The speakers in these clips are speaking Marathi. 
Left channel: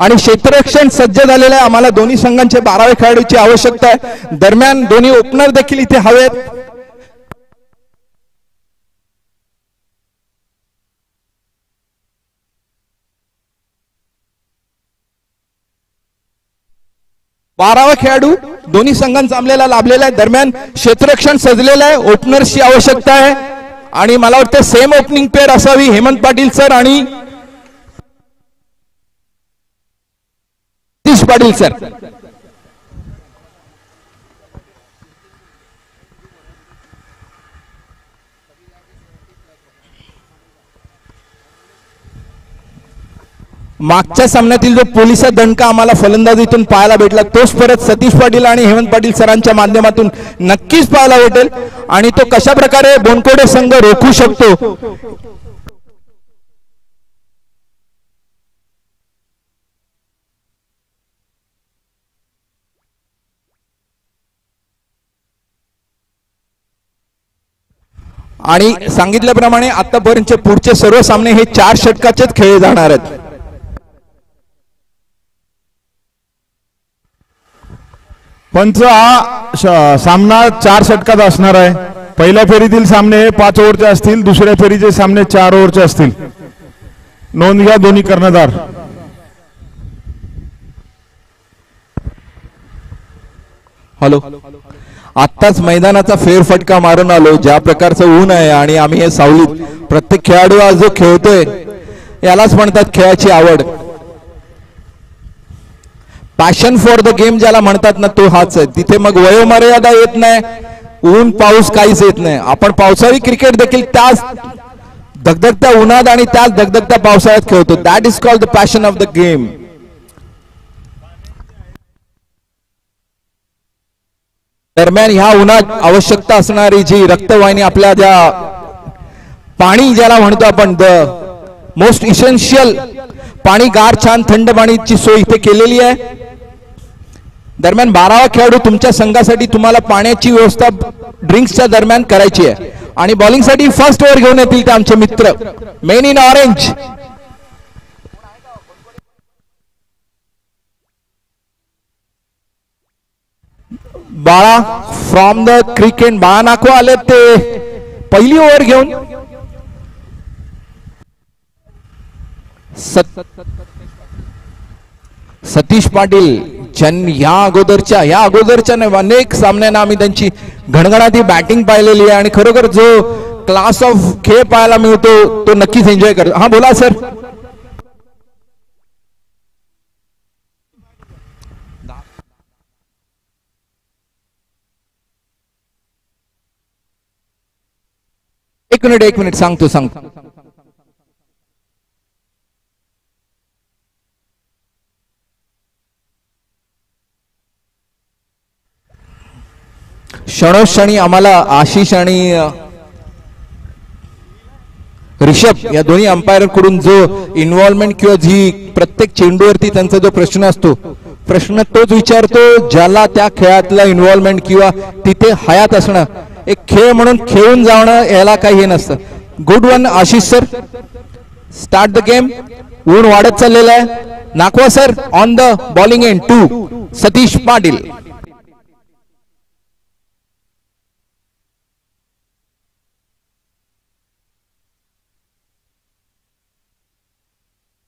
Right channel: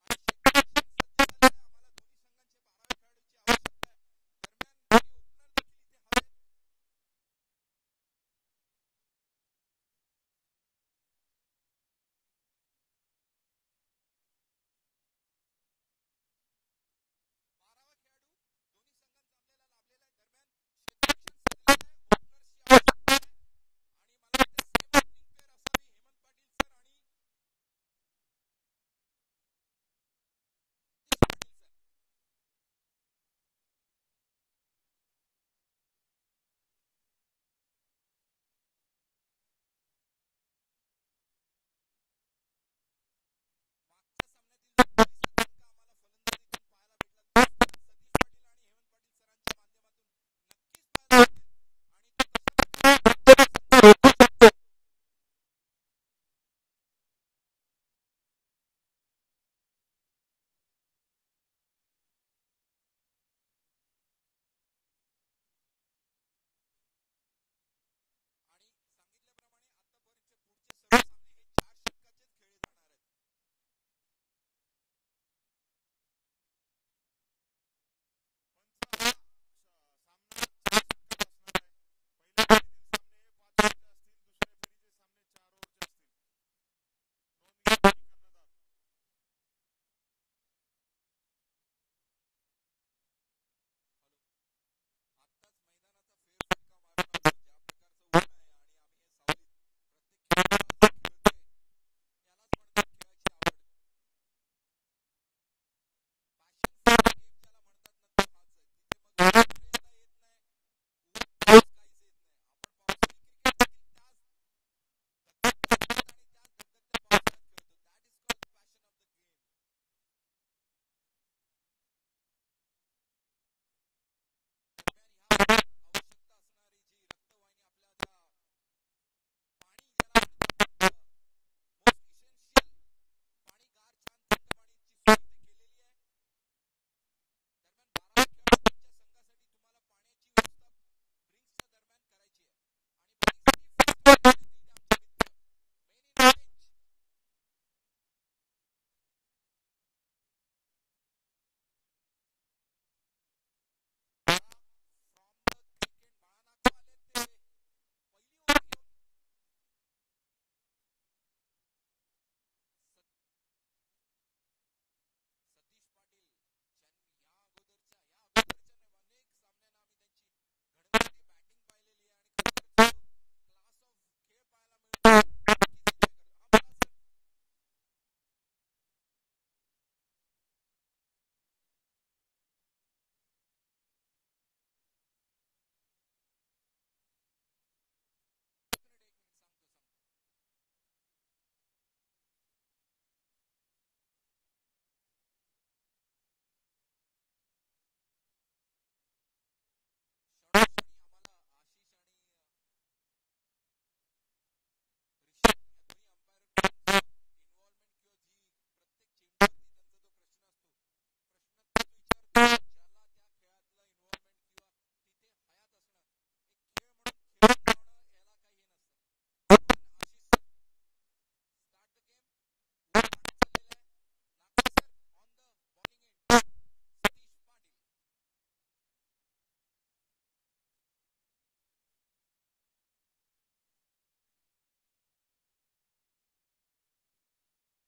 आणि क्षेत्ररक्षण सज्ज झालेलं आहे। आम्हाला दोन्ही संघांचे 12वे खेळाडूची आवश्यकता आहे। दरम्यान दोन्ही ओपनर देखील इथे हवेत। बारावा खेळाडू दोन्ही संघांचा आमलेला लाभलेला आहे। दरम्यान क्षेत्ररक्षण सजलेलं आहे। ओपनर्सची आवश्यकता आहे आणि मला वाटतं सेम ओपनिंग पेअर असावी हेमंत पाटील सर आणि सतीश पाटील सर। मागच्या सामन्यातील जो पोलिसा दणका आम्हाला फलंदाजीतून पाहायला भेटला तोच परत सतीश पाटील आणि हेमंत पाटील सरांच्या माध्यमातून नक्कीच पाहायला भेटेल आणि तो कशा प्रकारे बोनकोडे संघ रोखू शकतो। आणि सांगितल्याप्रमाणे आतापर्यंतचे पुढचे सर्व सामने हे 4 षटकाचेच खेळले जाणार आहेत। पंच हा सामना 4 षटकात असणार आहे। पहिल्या फेरीतील सामने 5 ओव्हरचे असतील, दुसऱ्या फेरीचे सामने 4 ओव्हरचे असतील। नोंद घ्या दोन्ही कर्णधार। हॅलो, आत्ताच मैदानाचा फेरफटका मारून आलो। ज्या प्रकारचं ऊन आहे आणि आम्ही हे सावलीत, प्रत्येक खेळाडू आज जो खेळतोय यालाच म्हणतात खेळाची आवड। पॅशन फॉर द गेम ज्याला म्हणतात ना तो हाच आहे। तिथे मग वयोमर्यादा येत नाही, ऊन पाऊस काहीच येत नाही। आपण पावसाळी क्रिकेट देखील त्याच धगधगत्या उन्हात आणि त्याच धगधगत्या पावसाळ्यात खेळतो। That is called the passion of the game. दरम्यान ह्या उन्हात आवश्यकता असणारी जी रक्तवाहिनी आपल्या ज्या पाणी ज्याला म्हणतो आपण द मोस्ट इसेन्शियल पाणी, गार छान थंड पाणीची सोय इथे केलेली आहे। दरम्यान 12वा खेळाडू तुमच्या संघासाठी तुम्हाला पाण्याची व्यवस्था ड्रिंक्सच्या दरम्यान करायची आहे आणि बॉलिंगसाठी फर्स्ट ओव्हर घेऊन येतील ते आमचे मित्र मेन इन ऑरेंज। बाळा फ्रॉम द क्रिकेट बाळा नाको आले ते पहिली ओव्हर घेऊन सतीश पाटील या अगोदरच्या अनेक सामन्यांना आम्ही त्यांची घणघणाटी बॅटिंग पाहिलेली आहे आणि खरोखर जो क्लास ऑफ खेळ पाहायला मिळतो तो नक्कीच एन्जॉय करतो। हा बोला सर। एक मिनिट सांगतो। क्षणोक्षणी आम्हाला आशिष आणि ऋषभ या दोन्ही अंपायर कडून जो इन्व्हॉल्वमेंट किंवा जी प्रत्येक चेंडूवरती त्यांचा जो प्रश्न असतो, प्रश्न तोच विचारतो ज्याला त्या खेळातला इन्व्हॉल्वमेंट किंवा तिथे हयात असणं। एक खेळ म्हणून खेळून जाणं याला काही हे नसतं। Good one Ashish sir, start the game. ऊन वाढत चाललेला आहे। Nakwa sir on the bowling end 2 Satish Patil.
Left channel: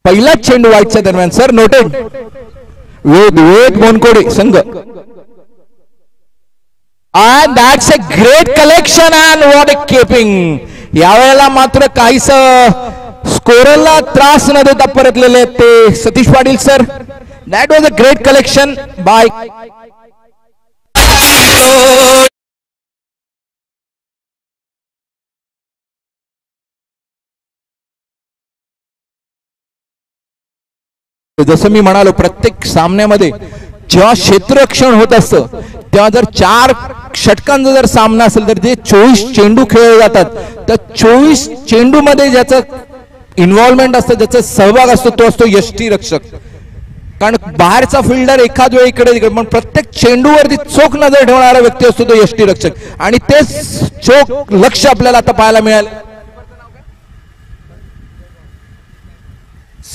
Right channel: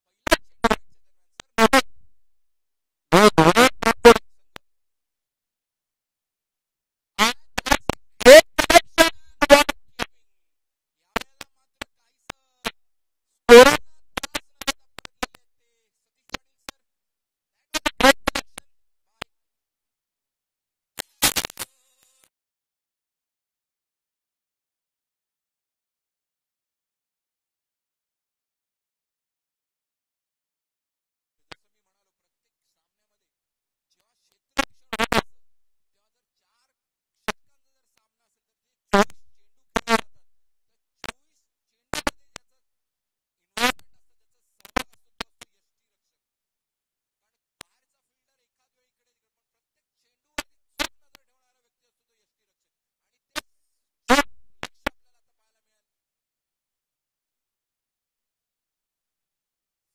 पहिला चेंडू वाईटच्या दरम्यान सर नोटेड। वेद बोनकोडे संघ। And that's a great collection and what a keeping। यावेळेला मात्र काहीच स्कोररला त्रास न देता परतलेले ते Satish Patil sir. That was a great collection by जसं मी म्हणालो प्रत्येक सामन्यामध्ये जेव्हा क्षेत्ररक्षण होत असतं तेव्हा जर 4 षटकांचा जर सामना असेल तर जे 24 चेंडू खेळले जातात त्या 24 चेंडू मध्ये ज्याचं इन्व्हॉल्वमेंट असतं, ज्याचा सहभाग असतो तो असतो यष्टीरक्षक। कारण बाहेरचा फिल्डर एखाद वेळी इकडे तिकडे पण प्रत्येक चेंडूवरती चोख नजर ठेवणारा व्यक्ती असतो तो यष्टीरक्षक आणि तेच चोख लक्ष आपल्याला आता पाहायला मिळालं।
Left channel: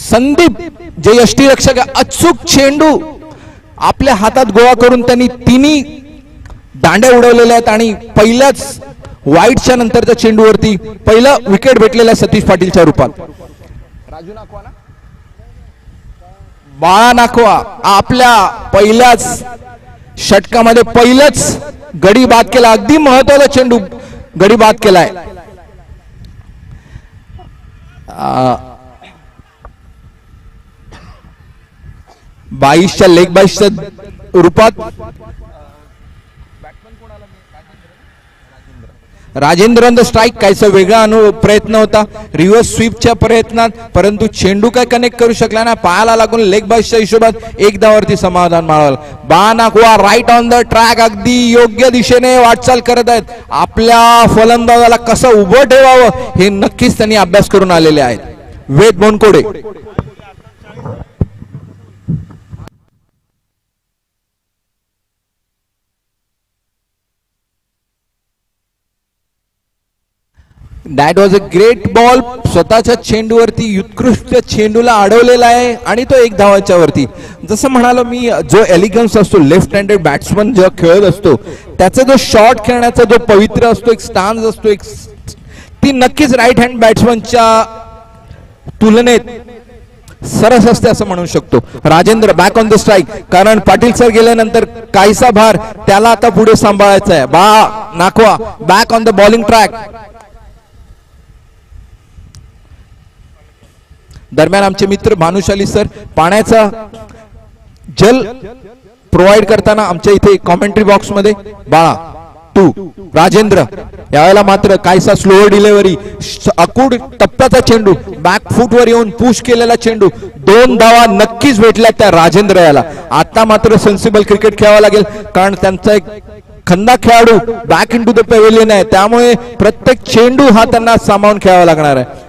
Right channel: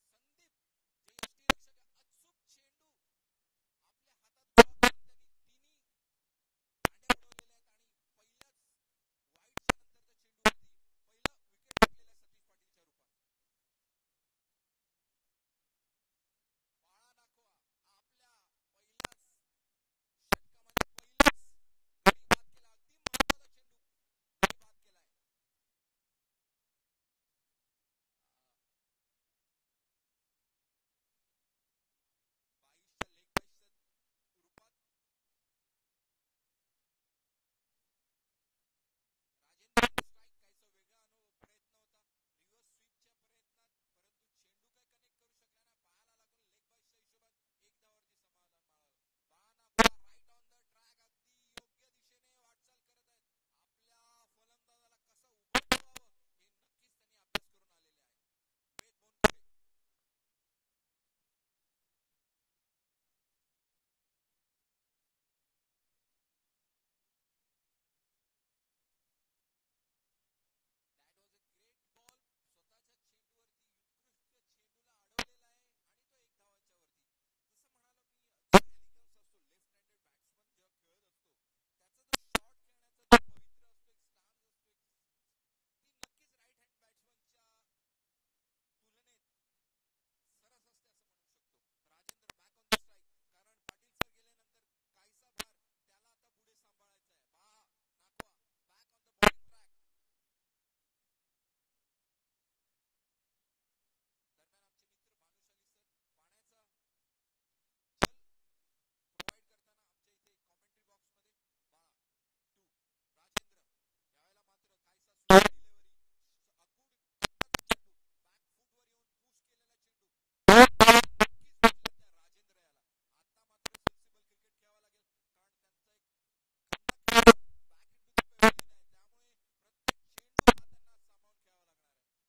संदीप जे यष्टीरक्षक अचूक चेंडू आपल्या हातात गोळा करून त्यांनी तिन्ही दांड्या उडवलेल्या आहेत आणि पहिल्याच वाईटच्या नंतरच्या चेंडूवरती पहिलं विकेट भेटलेलं आहे सतीश पाटीलच्या रूपात. बाळा नाखवा आपल्या पहिल्याच षटकामध्ये पहिलंच गडी बाद केला. अगदी महत्वाचा चेंडू गडी बाद केलाय. 22च्या लेग 22च्या रूपात राजेंद्र ऑन द स्ट्राईक. काहीसा वेगळा प्रयत्न होता रिव्हर्स स्वीपच्या प्रयत्नात, परंतु चेंडू काय कनेक्ट करू शकला ना. पायाला लागून लेग बाईसच्या हिशोबात एक धावावरती समाधान माळवलं. बानाकुआ राईट ऑन द ट्रॅक, अगदी योग्य दिशेने वाटचाल करत आहेत. आपल्या फलंदाजाला कसं उभं ठेवावं हे नक्कीच त्यांनी अभ्यास करून आलेले आहेत. Ved Bonkode. That was a great ball. स्वतःच्या चेंडूवरती उत्कृष्ट चेंडूला अडवलेला आहे आणि तो एक धावाच्या वरती. जसं म्हणालो मी, जो एलिगन्स असतो लेफ्ट हँडेड बॅट्समन जेव्हा खेळत असतो त्याचा जो शॉट खेळण्याचा जो पवित्र असतो, एक स्टान्स असतो, एक ती नक्कीच राईट हँड बॅट्समनच्या तुलनेत सरस असते असं म्हणू शकतो. Rajendra back on the strike, कारण पाटील सर गेल्यानंतर काहीसा भार त्याला आता पुढे सांभाळायचा आहे. Nakhwa back on the bowling track. दरम्यान आमचे मित्र भानुशाली सर पाण्याचा जल प्रोव्हाइड करताना आमच्या इथे कॉमेंट्री बॉक्स मध्ये बाळा टू राजेंद्र. यावेळेला मात्र काहीसा स्लोअर डिलिव्हरी, अकूड टप्प्याचा चेंडू, बॅक फूट वर येऊन पुश केलेला चेंडू, 2 धावा नक्कीच भेटल्या त्या राजेंद्र याला. आता मात्र सेन्सिबल क्रिकेट खेळावं लागेल, कारण त्यांचा एक खंदा खेळाडू back in to the pavilion आहे, त्यामुळे प्रत्येक चेंडू हा त्यांना सामावून खेळावा लागणार आहे.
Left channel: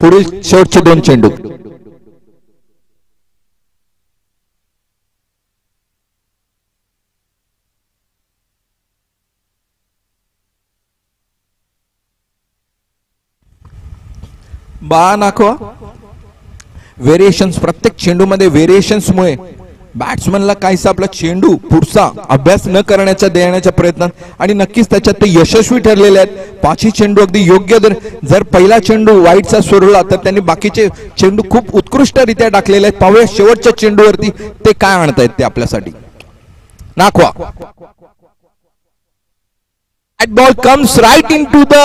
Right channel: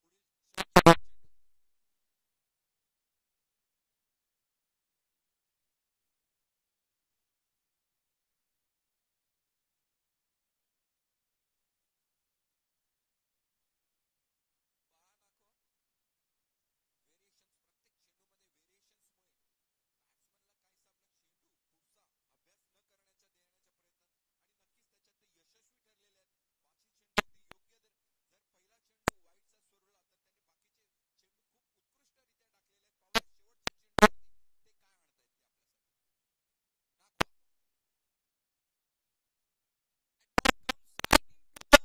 पुढील शेवटचे 2 चेंडू. बाळा नाखवा. व्हेरिएशन्स प्रत्येक चेंडूमध्ये व्हेरिएशन्स मुळे बॅट्समनला काहीसा आपला चेंडू पुढचा अभ्यास न करण्याचा देण्याच्या प्रयत्नात आणि नक्कीच त्याच्यात ते यशस्वी ठरलेले आहेत. 5ही चेंडू अगदी योग्य. जर पहिला चेंडू वाईटचा सोडला तर त्यांनी बाकीचे चेंडू खूप उत्कृष्टरित्या टाकलेले आहेत. पाहूया शेवटच्या चेंडूवरती ते काय आणतायत ते आपल्यासाठी. Nakhwa. That ball comes right into the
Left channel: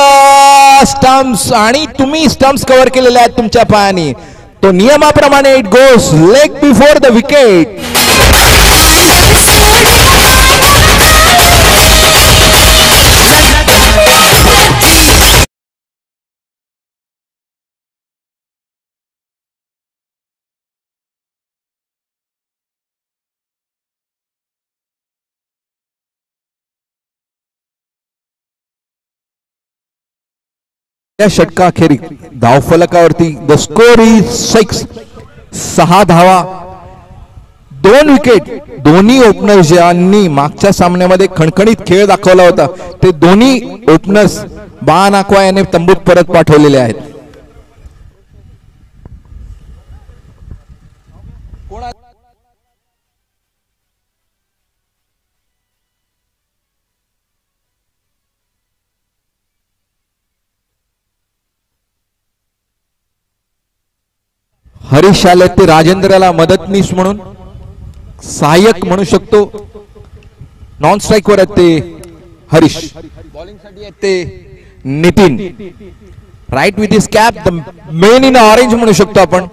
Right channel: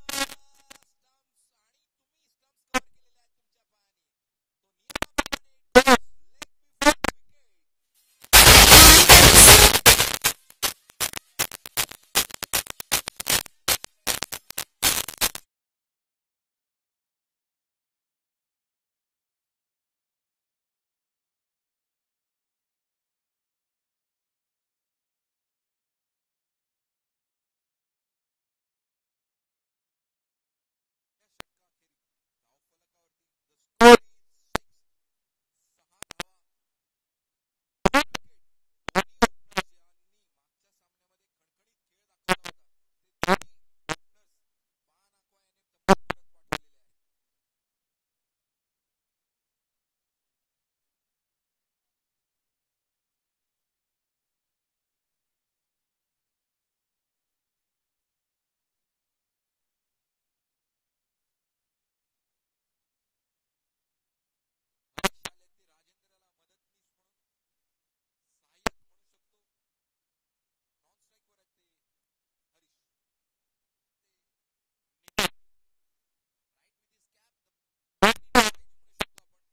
stumps आणि तुम्ही स्टम्प्स कव्हर केलेले आहेत तुमच्या पायाने. तो नियमाप्रमाणे it goes leg before the wicket. या षटकाखेरी धावफलकावरती द स्कोर इज 6 धावा, 2 विकेट. दोन्ही ओपनर्स ज्यांनी मागच्या सामन्यामध्ये खणखणीत खेळ दाखवला होता ते दोन्ही ओपनर्स बाळा नाखवा याने तंबूत परत पाठवलेले आहेत. हरीश आले ते राजेंद्रला मदतनीस म्हणून, सहाय्यक म्हणू शकतो. नॉन स्ट्राईक वर आहेत ते हरीश, बॉलिंग साठी आहेत ते Nitin. Right with his cap the man in orange म्हणू शकतो आपण.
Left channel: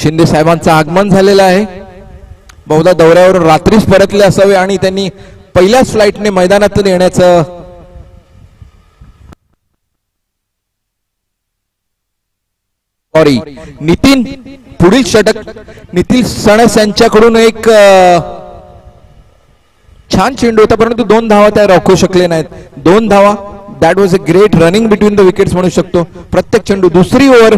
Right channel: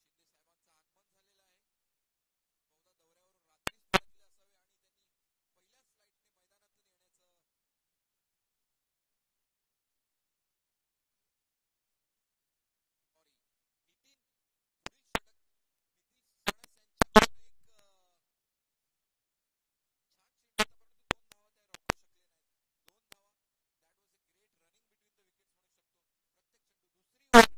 शिंदे साहेबांचं आगमन झालेलं आहे. बहुधा दौऱ्यावरून रात्रीच परतले असावे आणि त्यांनी पहिल्याच फ्लाईटने मैदानात येण्याचं नितीन. पुढील षटक नितीन सणस यांच्याकडून एक छान चेंडू होता, परंतु 2 धावा त्या रोखू शकले नाहीत. 2 धावा. That was a great running between the wickets म्हणू शकतो. प्रत्येक चेंडू. दुसरी over.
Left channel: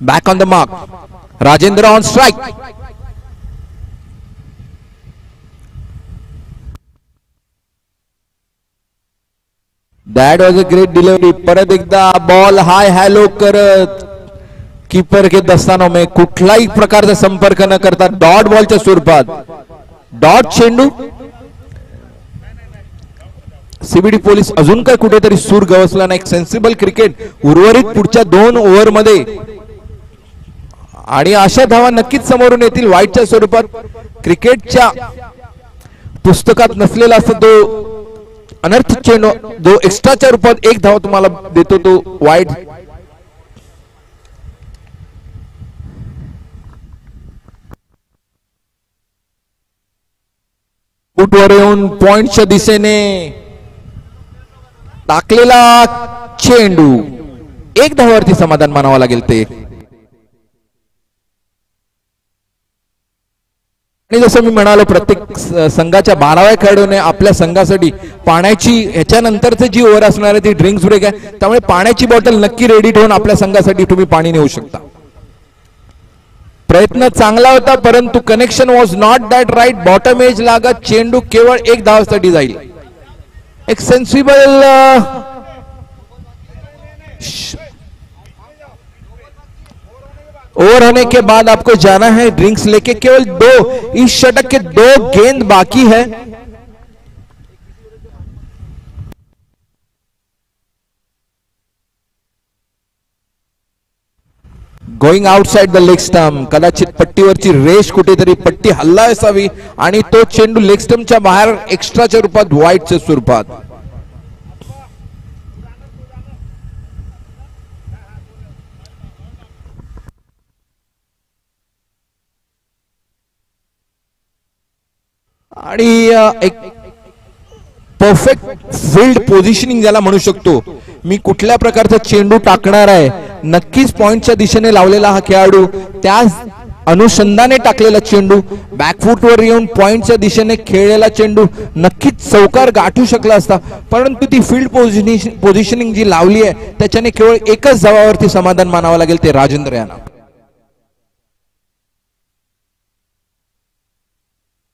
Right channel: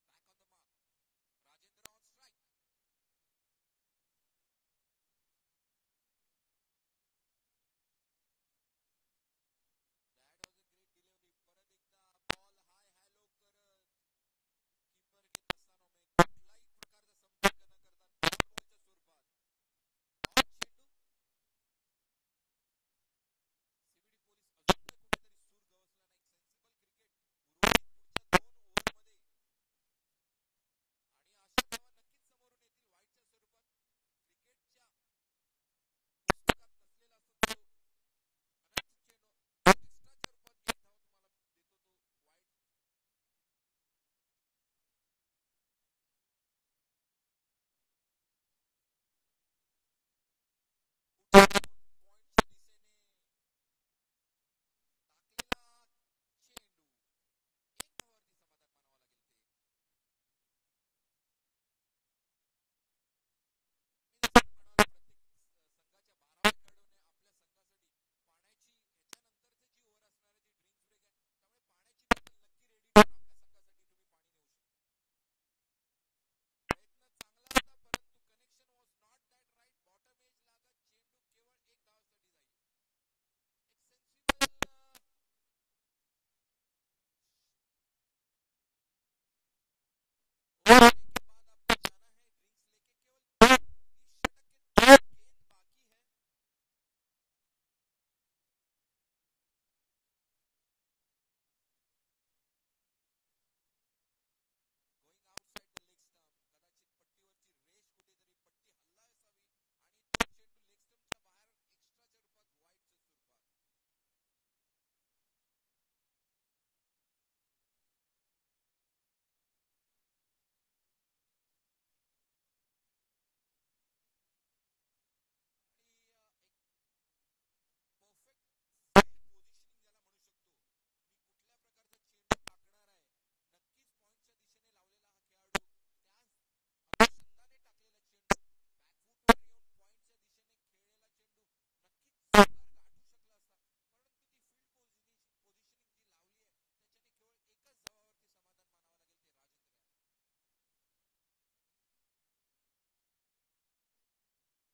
Back on the mark. Rajendra on strike. That was a great delivery. परत एकदा बॉल हाय हॅलो करत कीपर के दस्तानों में कुठलाही प्रकारचा संपर्क न करता डॉट बॉलच्या स्वरूपात डॉट चेंडू. सीबीडी पोलीस अजून काय कुठेतरी सूर गवसला नाही. एक सेन्सिबल क्रिकेट उर्वरित पुढच्या 2 ओव्हरमध्ये आणि अशा धावा नक्कीच समोरून येतील वाईटच्या स्वरूपात. क्रिकेटच्या पुस्तकात नसलेला असतो तो अनर्थ चेंडू जो एक्स्ट्राच्या रूपात 1 धाव तुम्हाला देतो तो वाईट. फुटवर येऊन पॉइंटच्या दिशेने टाकलेला चेंडू 1 धावावरती समाधान मानावं लागेल ते. आणि जसं मी म्हणालो प्रत्येक संघाच्या 12व्या खेळाडूने आपल्या संघासाठी पाण्याची ह्याच्यानंतरची जी ओव्हर असणार आहे ती ड्रिंक्स ब्रेक आहे. त्यामुळे पाण्याची बॉटल नक्की रेडी ठेवून आपल्या संघासाठी तुम्ही पाणी नेऊ शकता. प्रयत्न चांगला होता परंतु connection was not that right. Bottom edge लागत चेंडू केवळ 1 धावासाठी जाईल. एक सेन्सिबल ओवर होने के बाद आपको जाना है ड्रिंक्स लेके. केवल 2 इस षटक के 2 गेंद बाकी है. Going outside the leg stump. कदाचित पट्टीवरची रेष कुठेतरी पट्टी हल्ला असावी आणि तो चेंडू लेग स्टंपच्या बाहेर एक्स्ट्राच्या रूपात वाईटच्या स्वरूपात. आणि एक परफेक्ट फील्ड पोझिशनिंग ज्याला म्हणू शकतो. मी कुठल्या प्रकारचा चेंडू टाकणार आहे नक्कीच पॉइंटच्या दिशेने लावलेला हा खेळाडू त्या अनुषंगाने टाकलेला चेंडू बॅकफुटवर येऊन पॉइंटच्या दिशेने खेळलेला चेंडू नक्कीच चौकार गाठू शकला असता. परंतु ती फील्ड पोझिशनिंग जी लावली आहे त्याच्याने केवळ 1च धावावरती समाधान मानावं लागेल ते राजेंद्र यांना.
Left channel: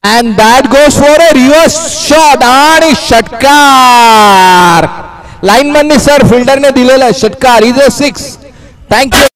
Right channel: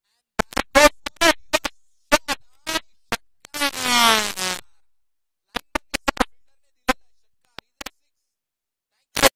And that goes for a reverse shot आणि षटकार. लाईनमॅनने सर फिल्डरने दिलेला षटकार इज अ 6. थँक्यू.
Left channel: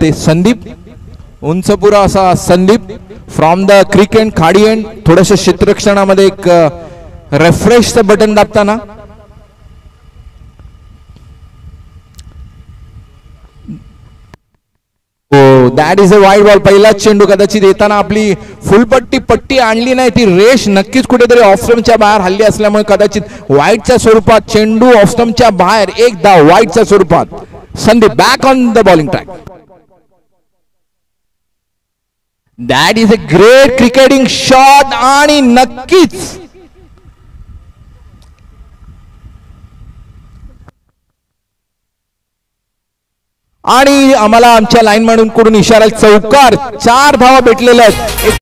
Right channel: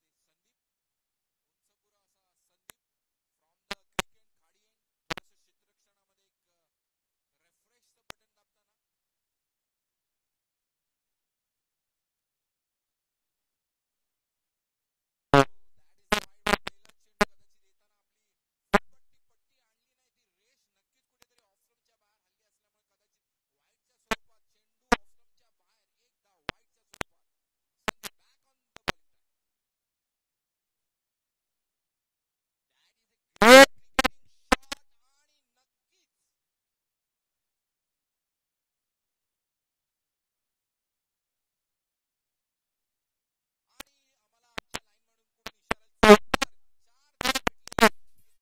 ते संदीप, उंचपुरा असा Sandeep from the creek end खाडी एंड, थोडस क्षेत्ररक्षणामध्ये एक रेफ्रेशचं बटन दाबताना. That is a wide ball. पहिलाच चेंडू कदाचित येताना आपली पट्टी आणली नाही, ती रेष नक्कीच कुठेतरी ऑफस्टम्पच्या बाहेर हल्ली असल्यामुळे कदाचित वाईडच्या स्वरूपात चेंडू ऑफस्टम्पच्या बाहेर, एक धाव वाईडच्या स्वरूपात. Sandeep back on the bowling track. That is a great cricketing shot आणि नक्कीच आणि आम्हाला आमच्या लाईनमॅन कडून इशारा, चौकार. 4 धावा भेटलेल्या आहेत.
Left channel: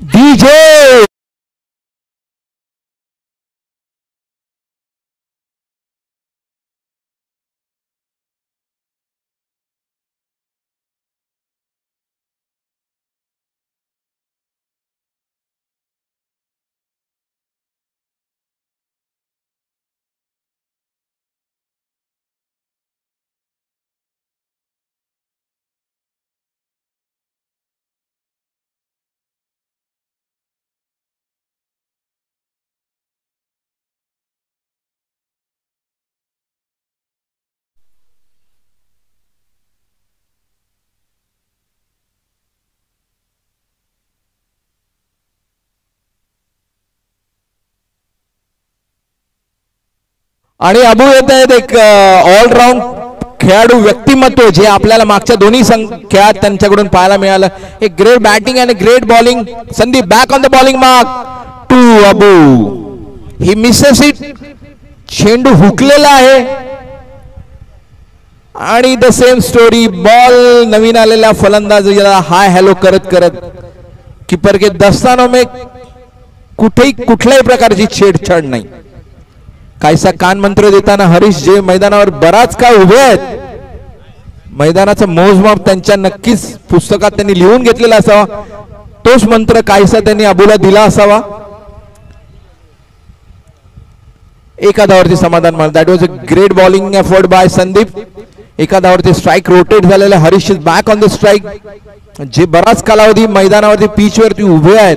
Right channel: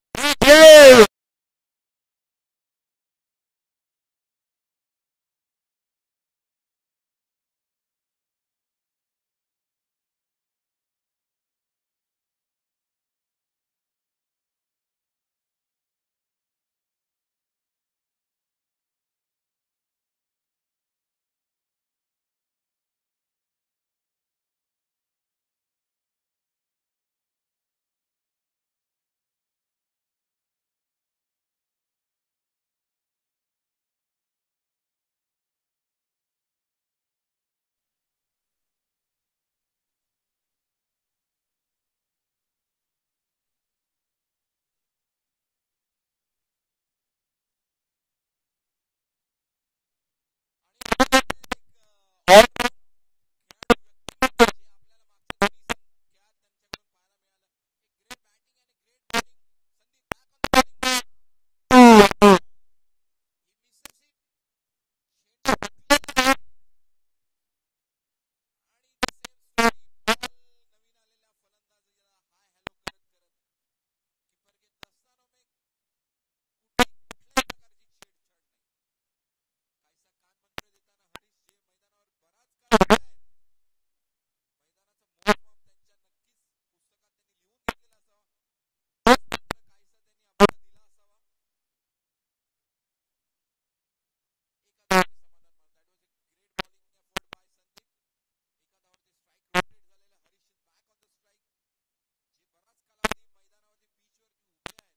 डीजे आणि अबू येत आहेत एक ऑलराऊंड खेळाडू व्यक्तिमत्व जे आपल्याला मागच्या दोन्ही खेळात त्यांच्याकडून पाहायला मिळालं. एक ग्रेट बॅटिंग आणि great bowling. Sandeep back on the bowling mark to Abu. He misses it. चेंडू हुकलेला आहे आणि द सेम स्टोरी. बॉल नवीन आलेल्या फलंदाज हाय हॅलो करत करत कीपर के दस्तानों में कुठल्याही प्रकारची छेडछाड नाही. काहीसा कान मंत्र देताना हरीश जे मैदानावर बराच काळ उभे आहेत, मैदानाचं मोजमाप त्यांच्या नक्कीच पुस्तकात त्यांनी लिहून घेतलेला असावा. तोच मंत्र काहीसा त्यांनी अबूला दिला असावा. एका धावावरती समाधान मानलं. That was a great bowling effort bye Sandeep. एका धावावरती स्ट्राईक रोटेट झालेला. Harish is back on the strike. जे बराच कालावधी मैदानावरती पिचवरती उभे आहेत,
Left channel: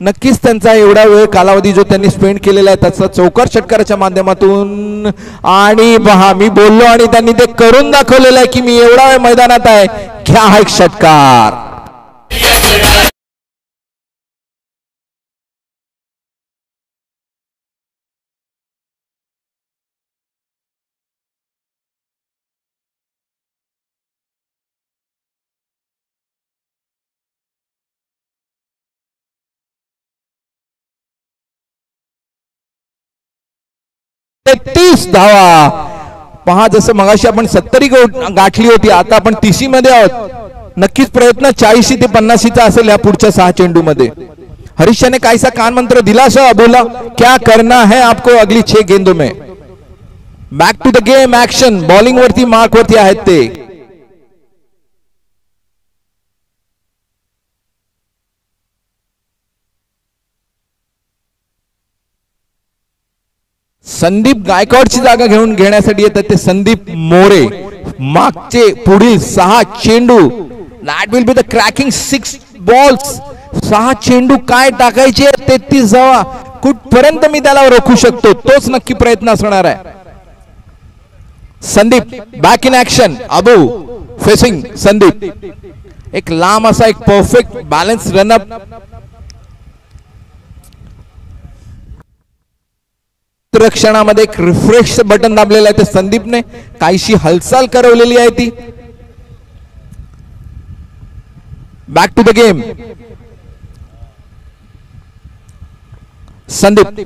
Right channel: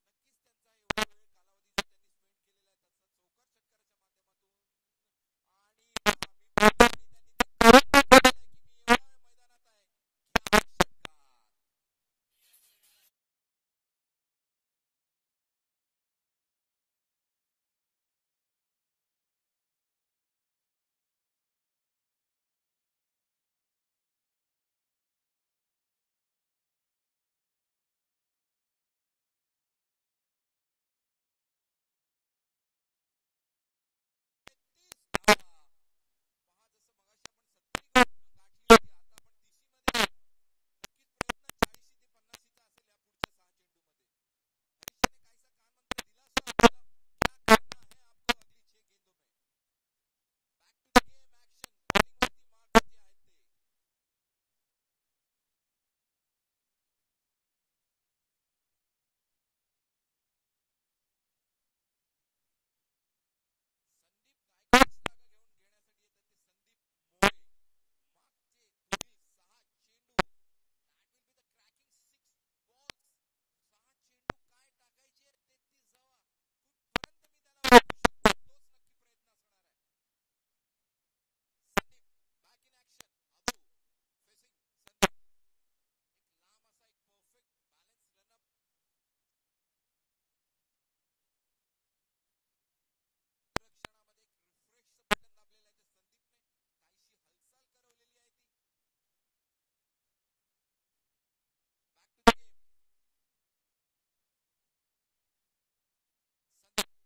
नक्कीच त्यांचा एवढा वेळ कालावधी जो त्यांनी स्पेंड केलेला आहे त्याचा चौकार षटकाराच्या माध्यमातून. आणि पहा मी बोललो आणि त्यांनी ते करून दाखवलेलं आहे की मी एवढा वेळ मैदानात आहे, घ्या हा एक षटकार. तीस धावा. पहा जसं मगाशी आपण 70 गाठली होती, आता आपण 30 मध्ये आहोत. नक्कीच प्रयत्न 40 ते 50 असेल या पुढच्या 6 चेंडू मध्ये. हरीशने काहीसा कान मंत्र दिला सर अबूला, क्या करना है आपको अगली 6 गेंदों में. Back to the game action. Bowling वरती मार्क वरती आहेत ते. संदीप गायकवाडची जागा घेण्यासाठी येतात ते संदीप मोरे. मागचे पुढील 6 चेंडू. That will be the cracking 6 balls. 6 चेंडू काय टाकायचे, 33 धावा कुठपर्यंत मी त्याला रोखू शकतो, तोच नक्की प्रयत्न असणार आहे. Sandeep back in action. Abu facing Sandeep. एक लांब असा एक परफेक्ट बॅलन्स रनअप. रक्षणामध्ये एक रिफ्रेश बटन दाबलेलं आहे ते संदीपने काहीशी हालचाल करवलेली आहे ती. Back to the game. Sandeep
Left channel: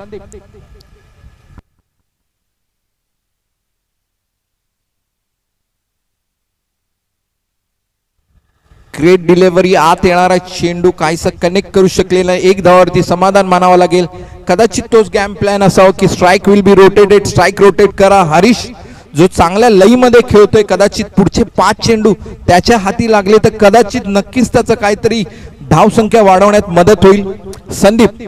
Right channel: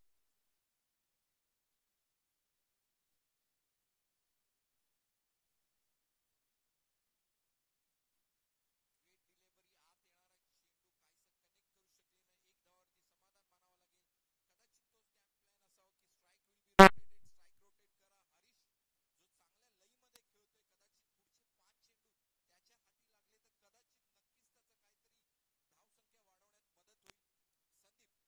great delivery. आत येणारा चेंडू काहीसा कनेक्ट करू शकलेला नाही. एक धावावरती समाधान मानावं लागेल. कदाचित तोच गेम प्लॅन असावा की strike will be rotated, strike rotate करा. हरीश जो चांगल्या लईमध्ये खेळतोय, कदाचित पुढचे 5 चेंडू त्याच्या हाती लागले तर कदाचित नक्कीच त्याचं काहीतरी धावसंख्या वाढवण्यात मदत होईल. संदीप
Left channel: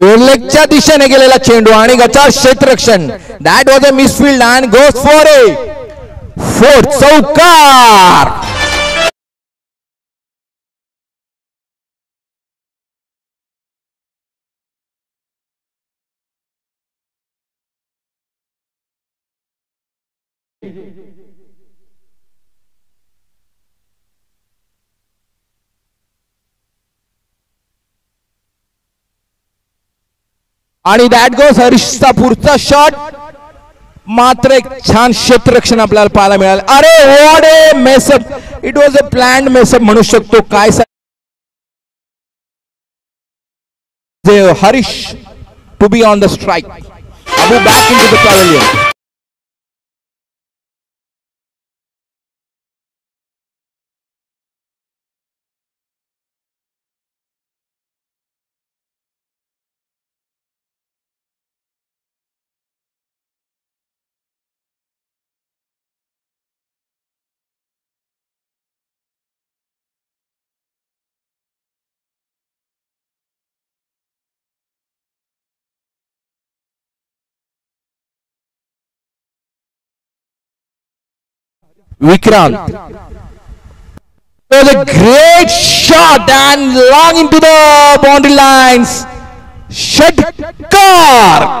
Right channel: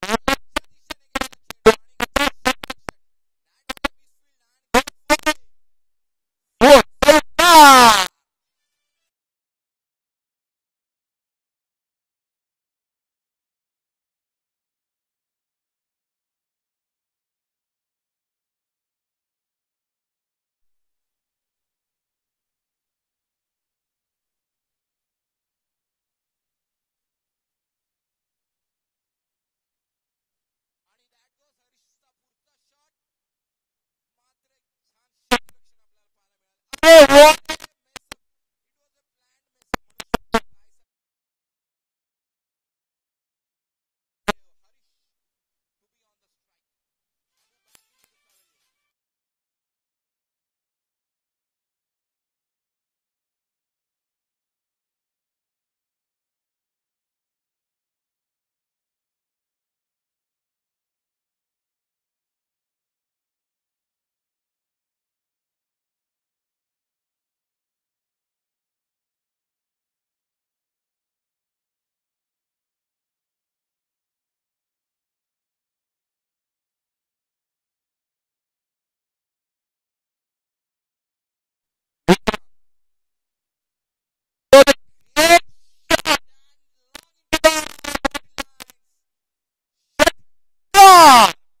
लेगच्या दिशेने गेलेला चेंडू आणि गचाळ क्षेत्ररक्षण. That was a misfield and goes for a 4 चौकार. आणि दॅट गोज हरीशचा पुढचा शॉट. मात्र एक छान क्षेत्ररक्षण आपल्याला पाहायला मिळालं. अरे what a mess up. It was a planned mess up म्हणू शकतो. काय Harish to be on the strike. Abu back in to the pavilion. Vikrant. It was a great shot and long into the boundary lines. षटकार.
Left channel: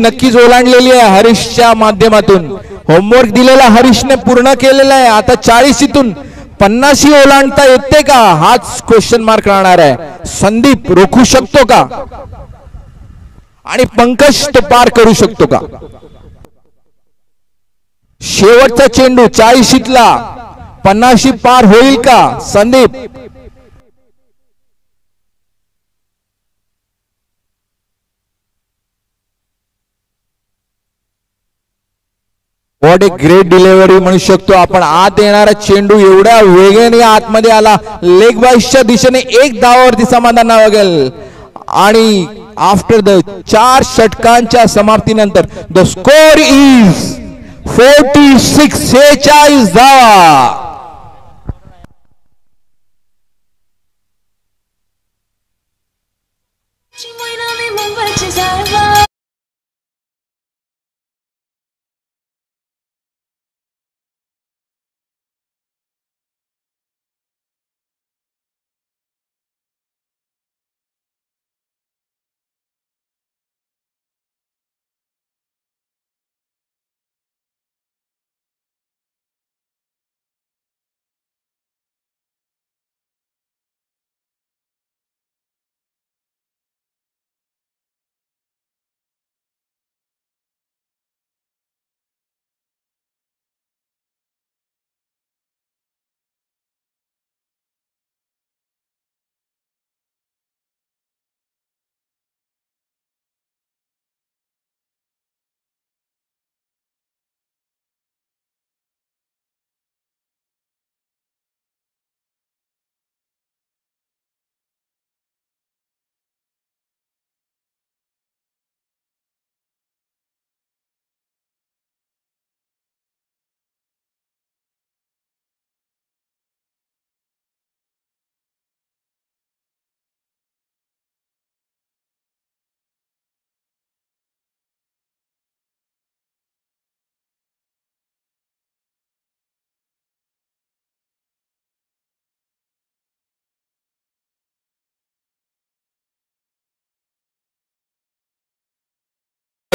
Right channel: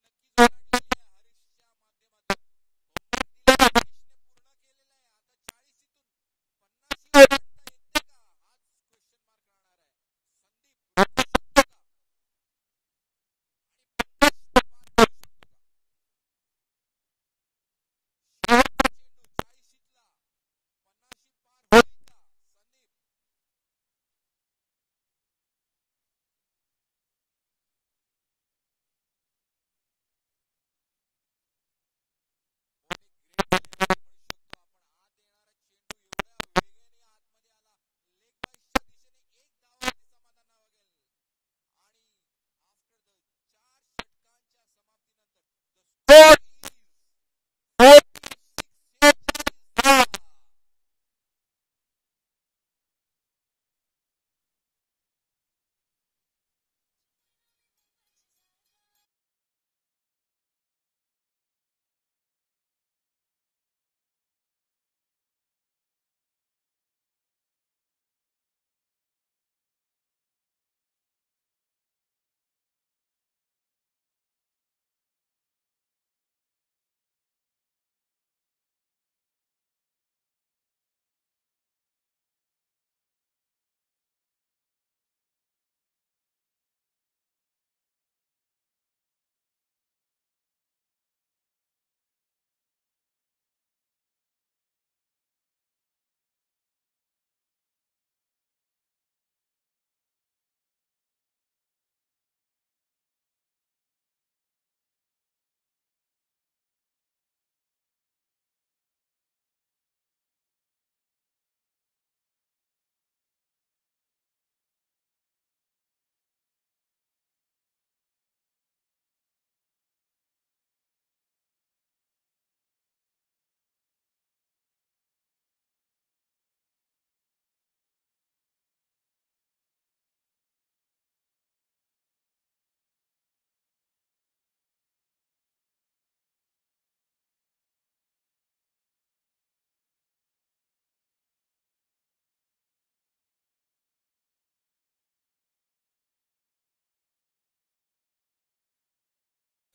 नक्कीच ओलांडलेली आहे हरीशच्या माध्यमातून. होमवर्क दिलेला हरीशने पूर्ण केलेला आहे. आता 40तून 50 ओलांडता येते का हाच क्वेश्चन मार्क राहणार आहे. संदीप रोखू शकतो का आणि पंकज तो पार करू शकतो का. शेवटचा चेंडू 40तला 50 पार होईल का Sandeep. What a great delivery म्हणू शकतो आपण. आत येणारा चेंडू एवढ्या वेगाने आतमध्ये आला. लेग बाईसच्या दिशेने एक धावावरती समाधान लागेल. आणि आफ्टर द 4 षटकांच्या समाप्तीनंतर द स्कोर इज 46 धावा.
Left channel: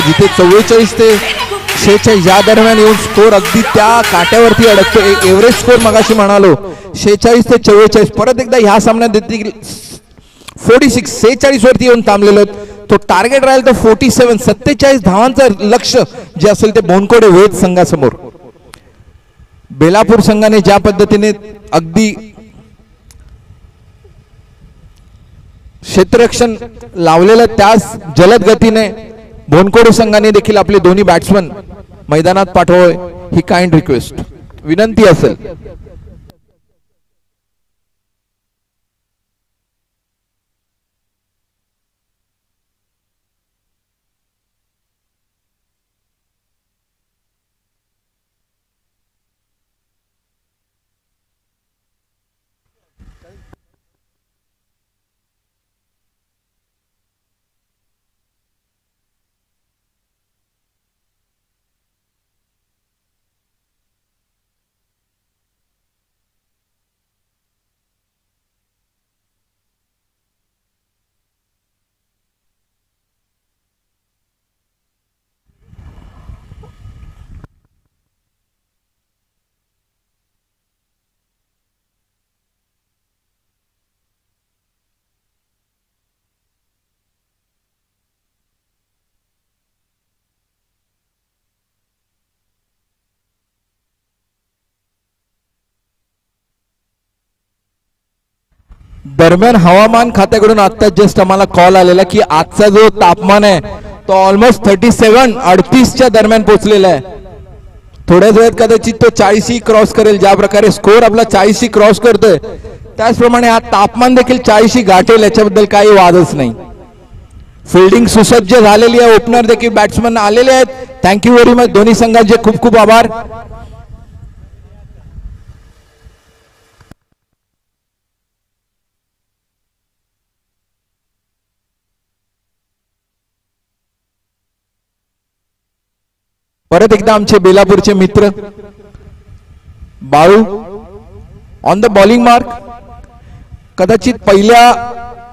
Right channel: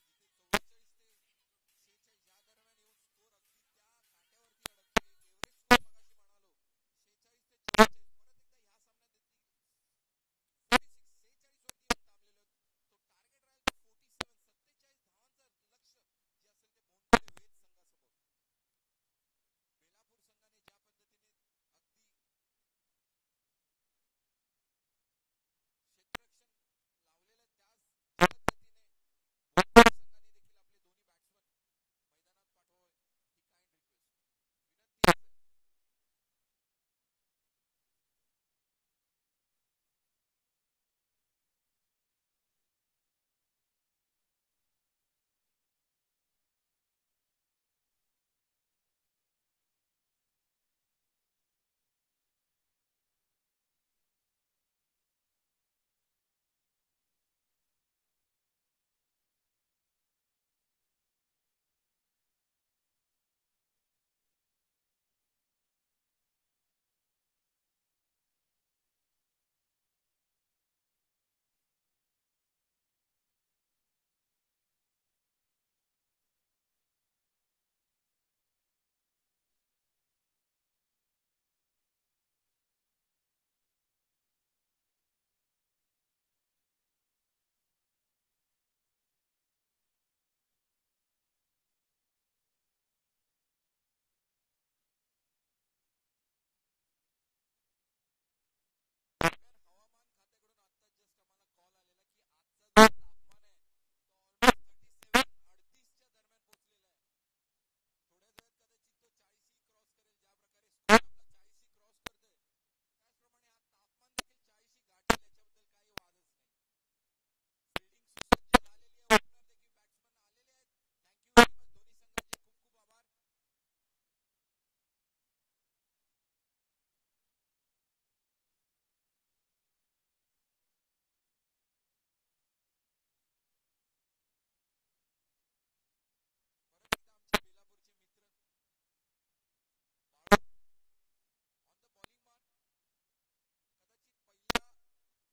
जिथे 44 ते 46 या दरम्यान येऊन स्कोर अगदी त्या काट्यावरती अडकतो. एव्हरेज स्कोर मगाशी म्हणालो 46 ते 44. परत एकदा ह्या सामन्यात देखील 46 वरती येऊन थांबलेलो. तो टार्गेट राहील तर 47 धावांचं लक्ष जे असेल ते बोनकोडे वेद संघासमोर. बेलापूर संघाने ज्या पद्धतीने अगदी क्षेत्ररक्षण लावलेलं त्याच जलद गतीने बोनकोडे संघाने देखील आपले दोन्ही बॅट्समन मैदानात पाठवावे ही काइंड रिक्वेस्ट विनंती असेल. दरम्यान हवामान खात्याकडून आता जस्ट आम्हाला कॉल आलेला की आजचा जो तापमान आहे तो ऑलमोस्ट 38 दरम्यान पोहोचलेला आहे. थोड्याच वेळात कदाचित तो 40 क्रॉस करेल. ज्या प्रकारे स्कोर आपला 40 क्रॉस करतोय त्याचप्रमाणे हा तापमान देखील 40 गाठेल याच्याबद्दल काही वादच नाही. फिल्डिंग सुसज्ज झालेली आहे. ओपनर देखील बॅट्समन आलेले आहेत. थँक्यू व्हेरी मच दोन्ही संघांचे खूप खूप आभार. परत एकदा आमचे बेलापूरचे मित्र Balu on the bowling mark. कदाचित पहिल्या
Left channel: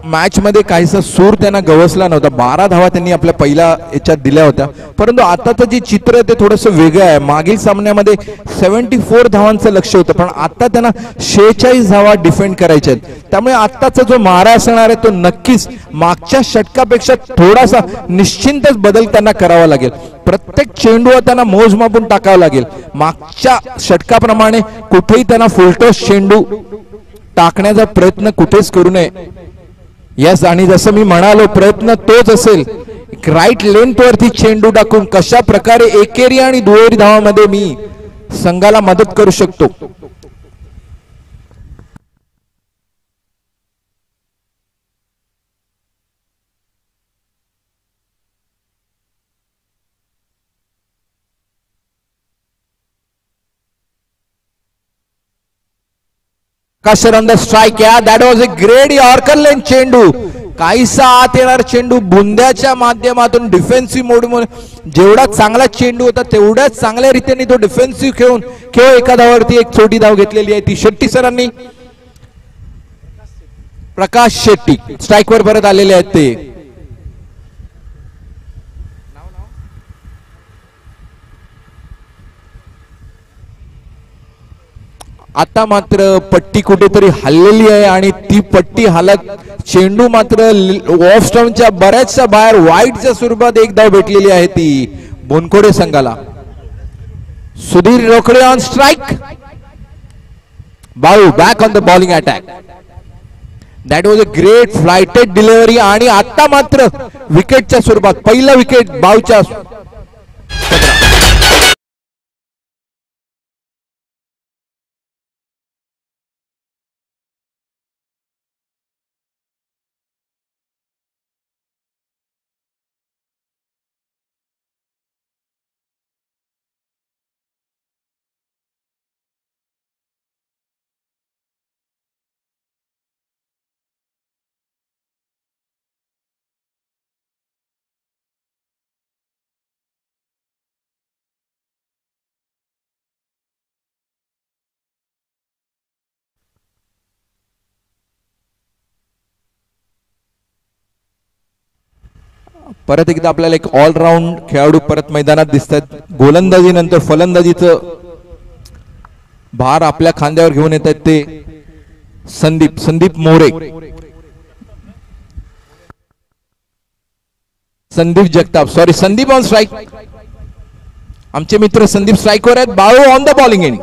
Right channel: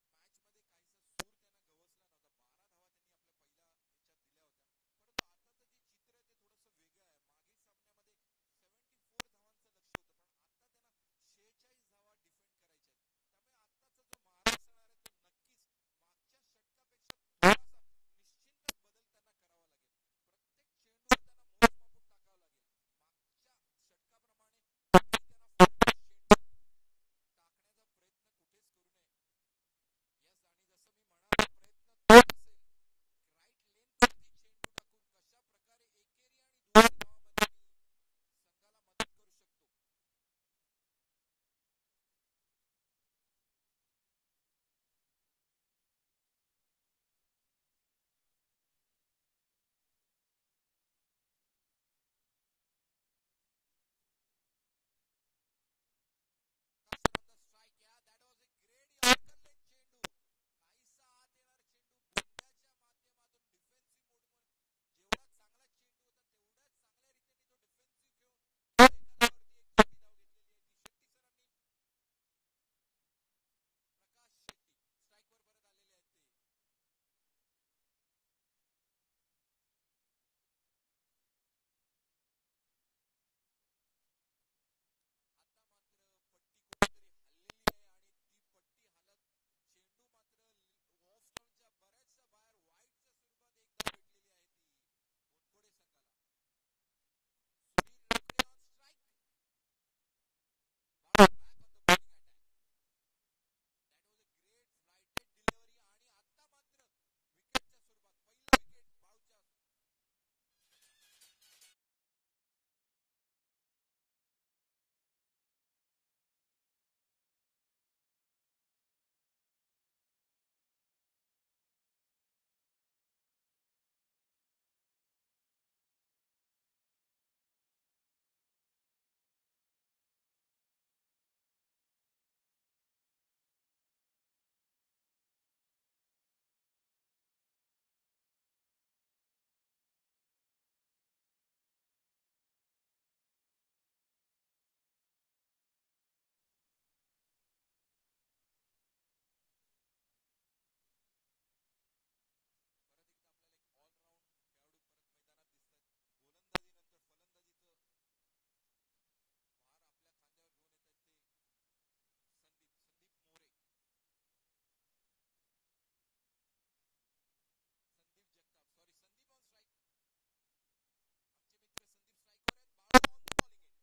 मॅच मध्ये काहीसा सूर त्यांना गवसला नव्हता. 12 धावा त्यांनी आपल्या पहिल्या याच्यात दिल्या होत्या. परंतु आताचं जे चित्र ते थोडंसं वेगळं आहे. मागील सामन्यामध्ये 74 धावांचं लक्ष होतं पण आता त्यांना 46 धावा डिफेंड करायच्या आहेत. त्यामुळे आताचा जो मारा असणार आहे तो नक्कीच मागच्या षटकापेक्षा थोडासा निश्चिंतच बदल त्यांना करावा लागेल. प्रत्येक चेंडूवर त्यांना मोजमापून टाकावं लागेल. मागच्या षटकाप्रमाणे कुठेही त्यांना फुलटॉस चेंडू टाकण्याचा प्रयत्न कुठेच करू नये. यस आणि जसं मी म्हणालो प्रयत्न तोच असेल राईट लेंथ वरती चेंडू टाकून कशा प्रकारे एकेरी आणि दुहेरी धावामध्ये मी संघाला मदत करू शकतो. Kasher on the strike. Yeah, that was a great Yorker lane चेंडू. काहीसा आत येणार चेंडू बुंद्याच्या माध्यमातून डिफेन्सिव्ह मोड मध्ये जेवढा चांगला चेंडू होता तेवढ्याच चांगल्या रीतीने तो डिफेन्सिव्ह खेळून केवळ एका धावावरती एक छोटी धाव घेतलेली आहे ती शेट्टी सरांनी. प्रकाश शेट्टी स्ट्राइक वर परत आलेले आहेत ते. आता मात्र पट्टी कुठेतरी हल्लेली आहे आणि ती पट्टी हालत चेंडू मात्र ऑफ स्टंपच्या बऱ्याचशा बाहेर वाईटच्या स्वरूपात एक धाव भेटलेली आहे ती बोनकोडे संघाला. Sudhir Rokade on strike. Balu back on the bowling attack. That was a great flighted delivery आणि आता मात्र विकेटच्या स्वरूपात पहिला विकेट बाळूच्या परत एकदा आपल्याला एक ऑलराऊंड खेळाडू परत मैदानात दिसतात. गोलंदाजी नंतर फलंदाजीचं भार आपल्या खांद्यावर घेऊन येत आहेत ते Sandeep More, Sandeep Jagtap, sorry Sandeep on strike. आमचे मित्र संदीप स्ट्राइकवर आहेत. Balu on the bowling end.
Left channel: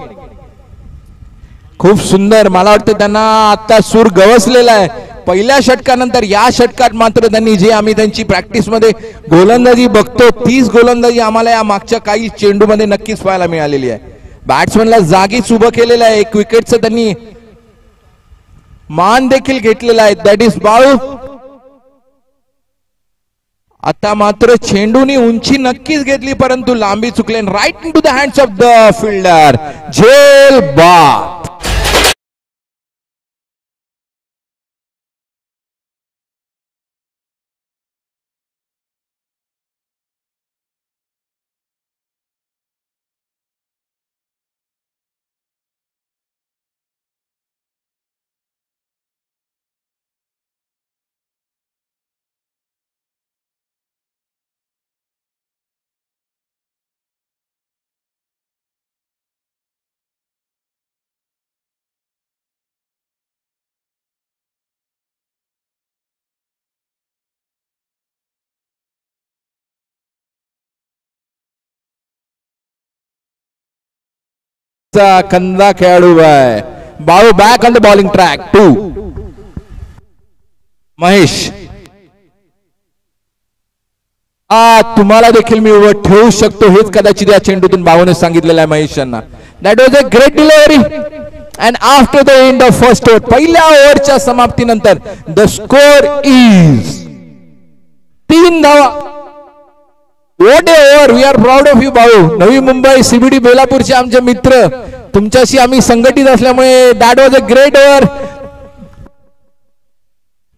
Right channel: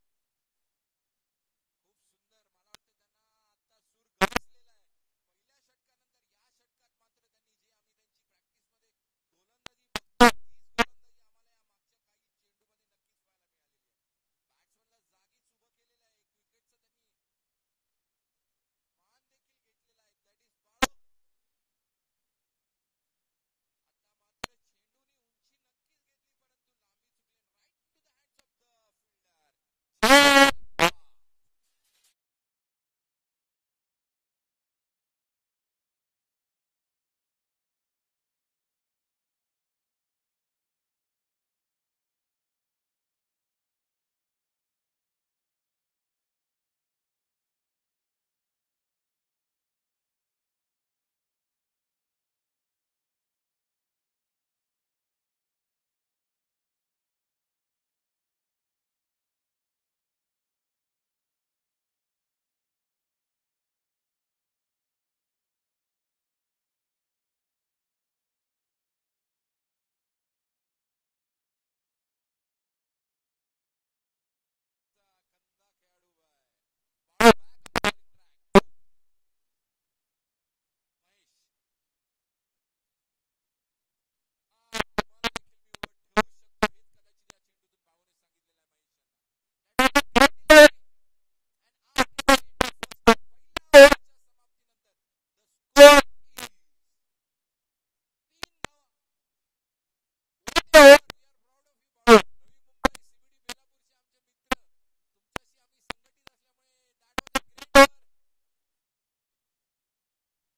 खूप सुंदर. मला वाटतं त्यांना आता सूर गवसलेला आहे. पहिल्या षटकानंतर या षटकात मात्र त्यांनी जे आम्ही त्यांची प्रॅक्टिस मध्ये गोलंदाजी बघतो तीच गोलंदाजी आम्हाला या मागच्या काही चेंडू मध्ये नक्कीच पाहायला मिळालेली आहे. बॅट्समनला जागीच उभं केलेलं आहे. एक विकेटचं त्यांनी मान देखील घेतलेला आहे. That is Balu. आता मात्र चेंडूनी उंची नक्कीच घेतली परंतु लांबी चुकले. Right in to the hands of the fielder. झेल बाद. कंदा खेळाडू आहे. Balu back on the bowling track. 2 Mahesh. तुम्हाला देखील मी उभं ठेवू शकतो हेच कदाचित या चेंडूतून बाळूने सांगितलेलं आहे महेश यांना. That was a great delivery and after the end of first over, पहिल्या ओव्हरच्या समाप्तीनंतर द स्कोर इज 3 धावा. What a over. We are proud of you Balu. Navi Mumbai CBD बेलापूरचे आमचे मित्र, तुमच्याशी आम्ही संघटित असल्यामुळे that was a great over.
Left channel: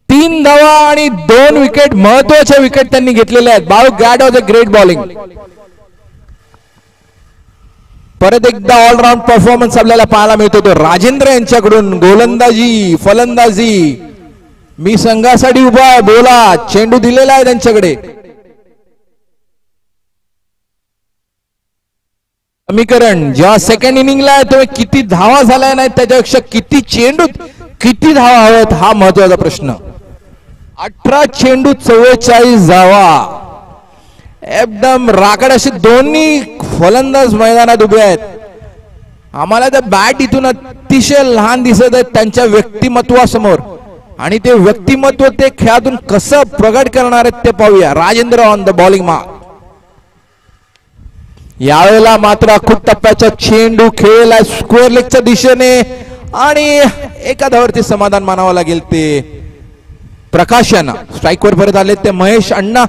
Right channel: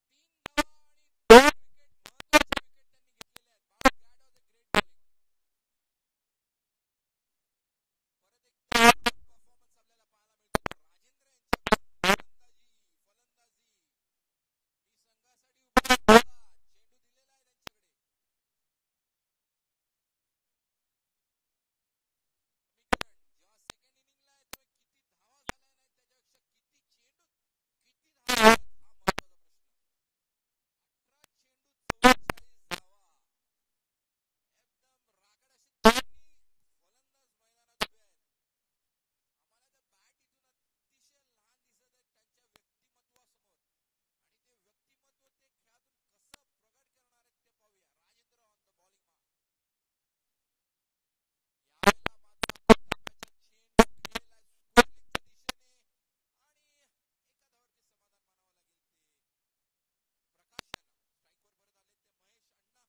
3 धावा आणि 2 विकेट, महत्वाच्या विकेट त्यांनी घेतलेल्या आहेत. Balu that was a great bowling. परत एकदा ऑलराऊंड परफॉर्मन्स आपल्याला पाहायला मिळतो तो राजेंद्र यांच्याकडून. गोलंदाजी फलंदाजी, मी संघासाठी उभा आहे, बोला. चेंडू दिलेला आहे त्यांच्याकडे. समीकरण जेव्हा सेकंड इनिंगला आहे तो किती धावा झाल्या नाही त्याच्यापेक्षा किती चेंडूत किती धावा हव्यात हा महत्वाचा प्रश्न. 18 चेंडू 44 धावा. एकदम राकड असे दोन्ही फलंदाज मैदानात उभे आहेत. आम्हाला तर बॅट इथून अतिशय लहान दिसत आहेत त्यांच्या व्यक्तिमत्वासमोर आणि ते व्यक्तिमत्व ते खेळातून कसं प्रगट करणार आहेत ते पाहूया. Rajendra on the bowling mark. यावेळेला मात्र अखूट टप्प्याचा चेंडू खेळला स्क्वेअर लेगच्या दिशेने आणि एका धावावरती समाधान मानावं लागेल. ते प्रकाश यांना स्ट्राईकवर परत आले ते महेश अण्णा.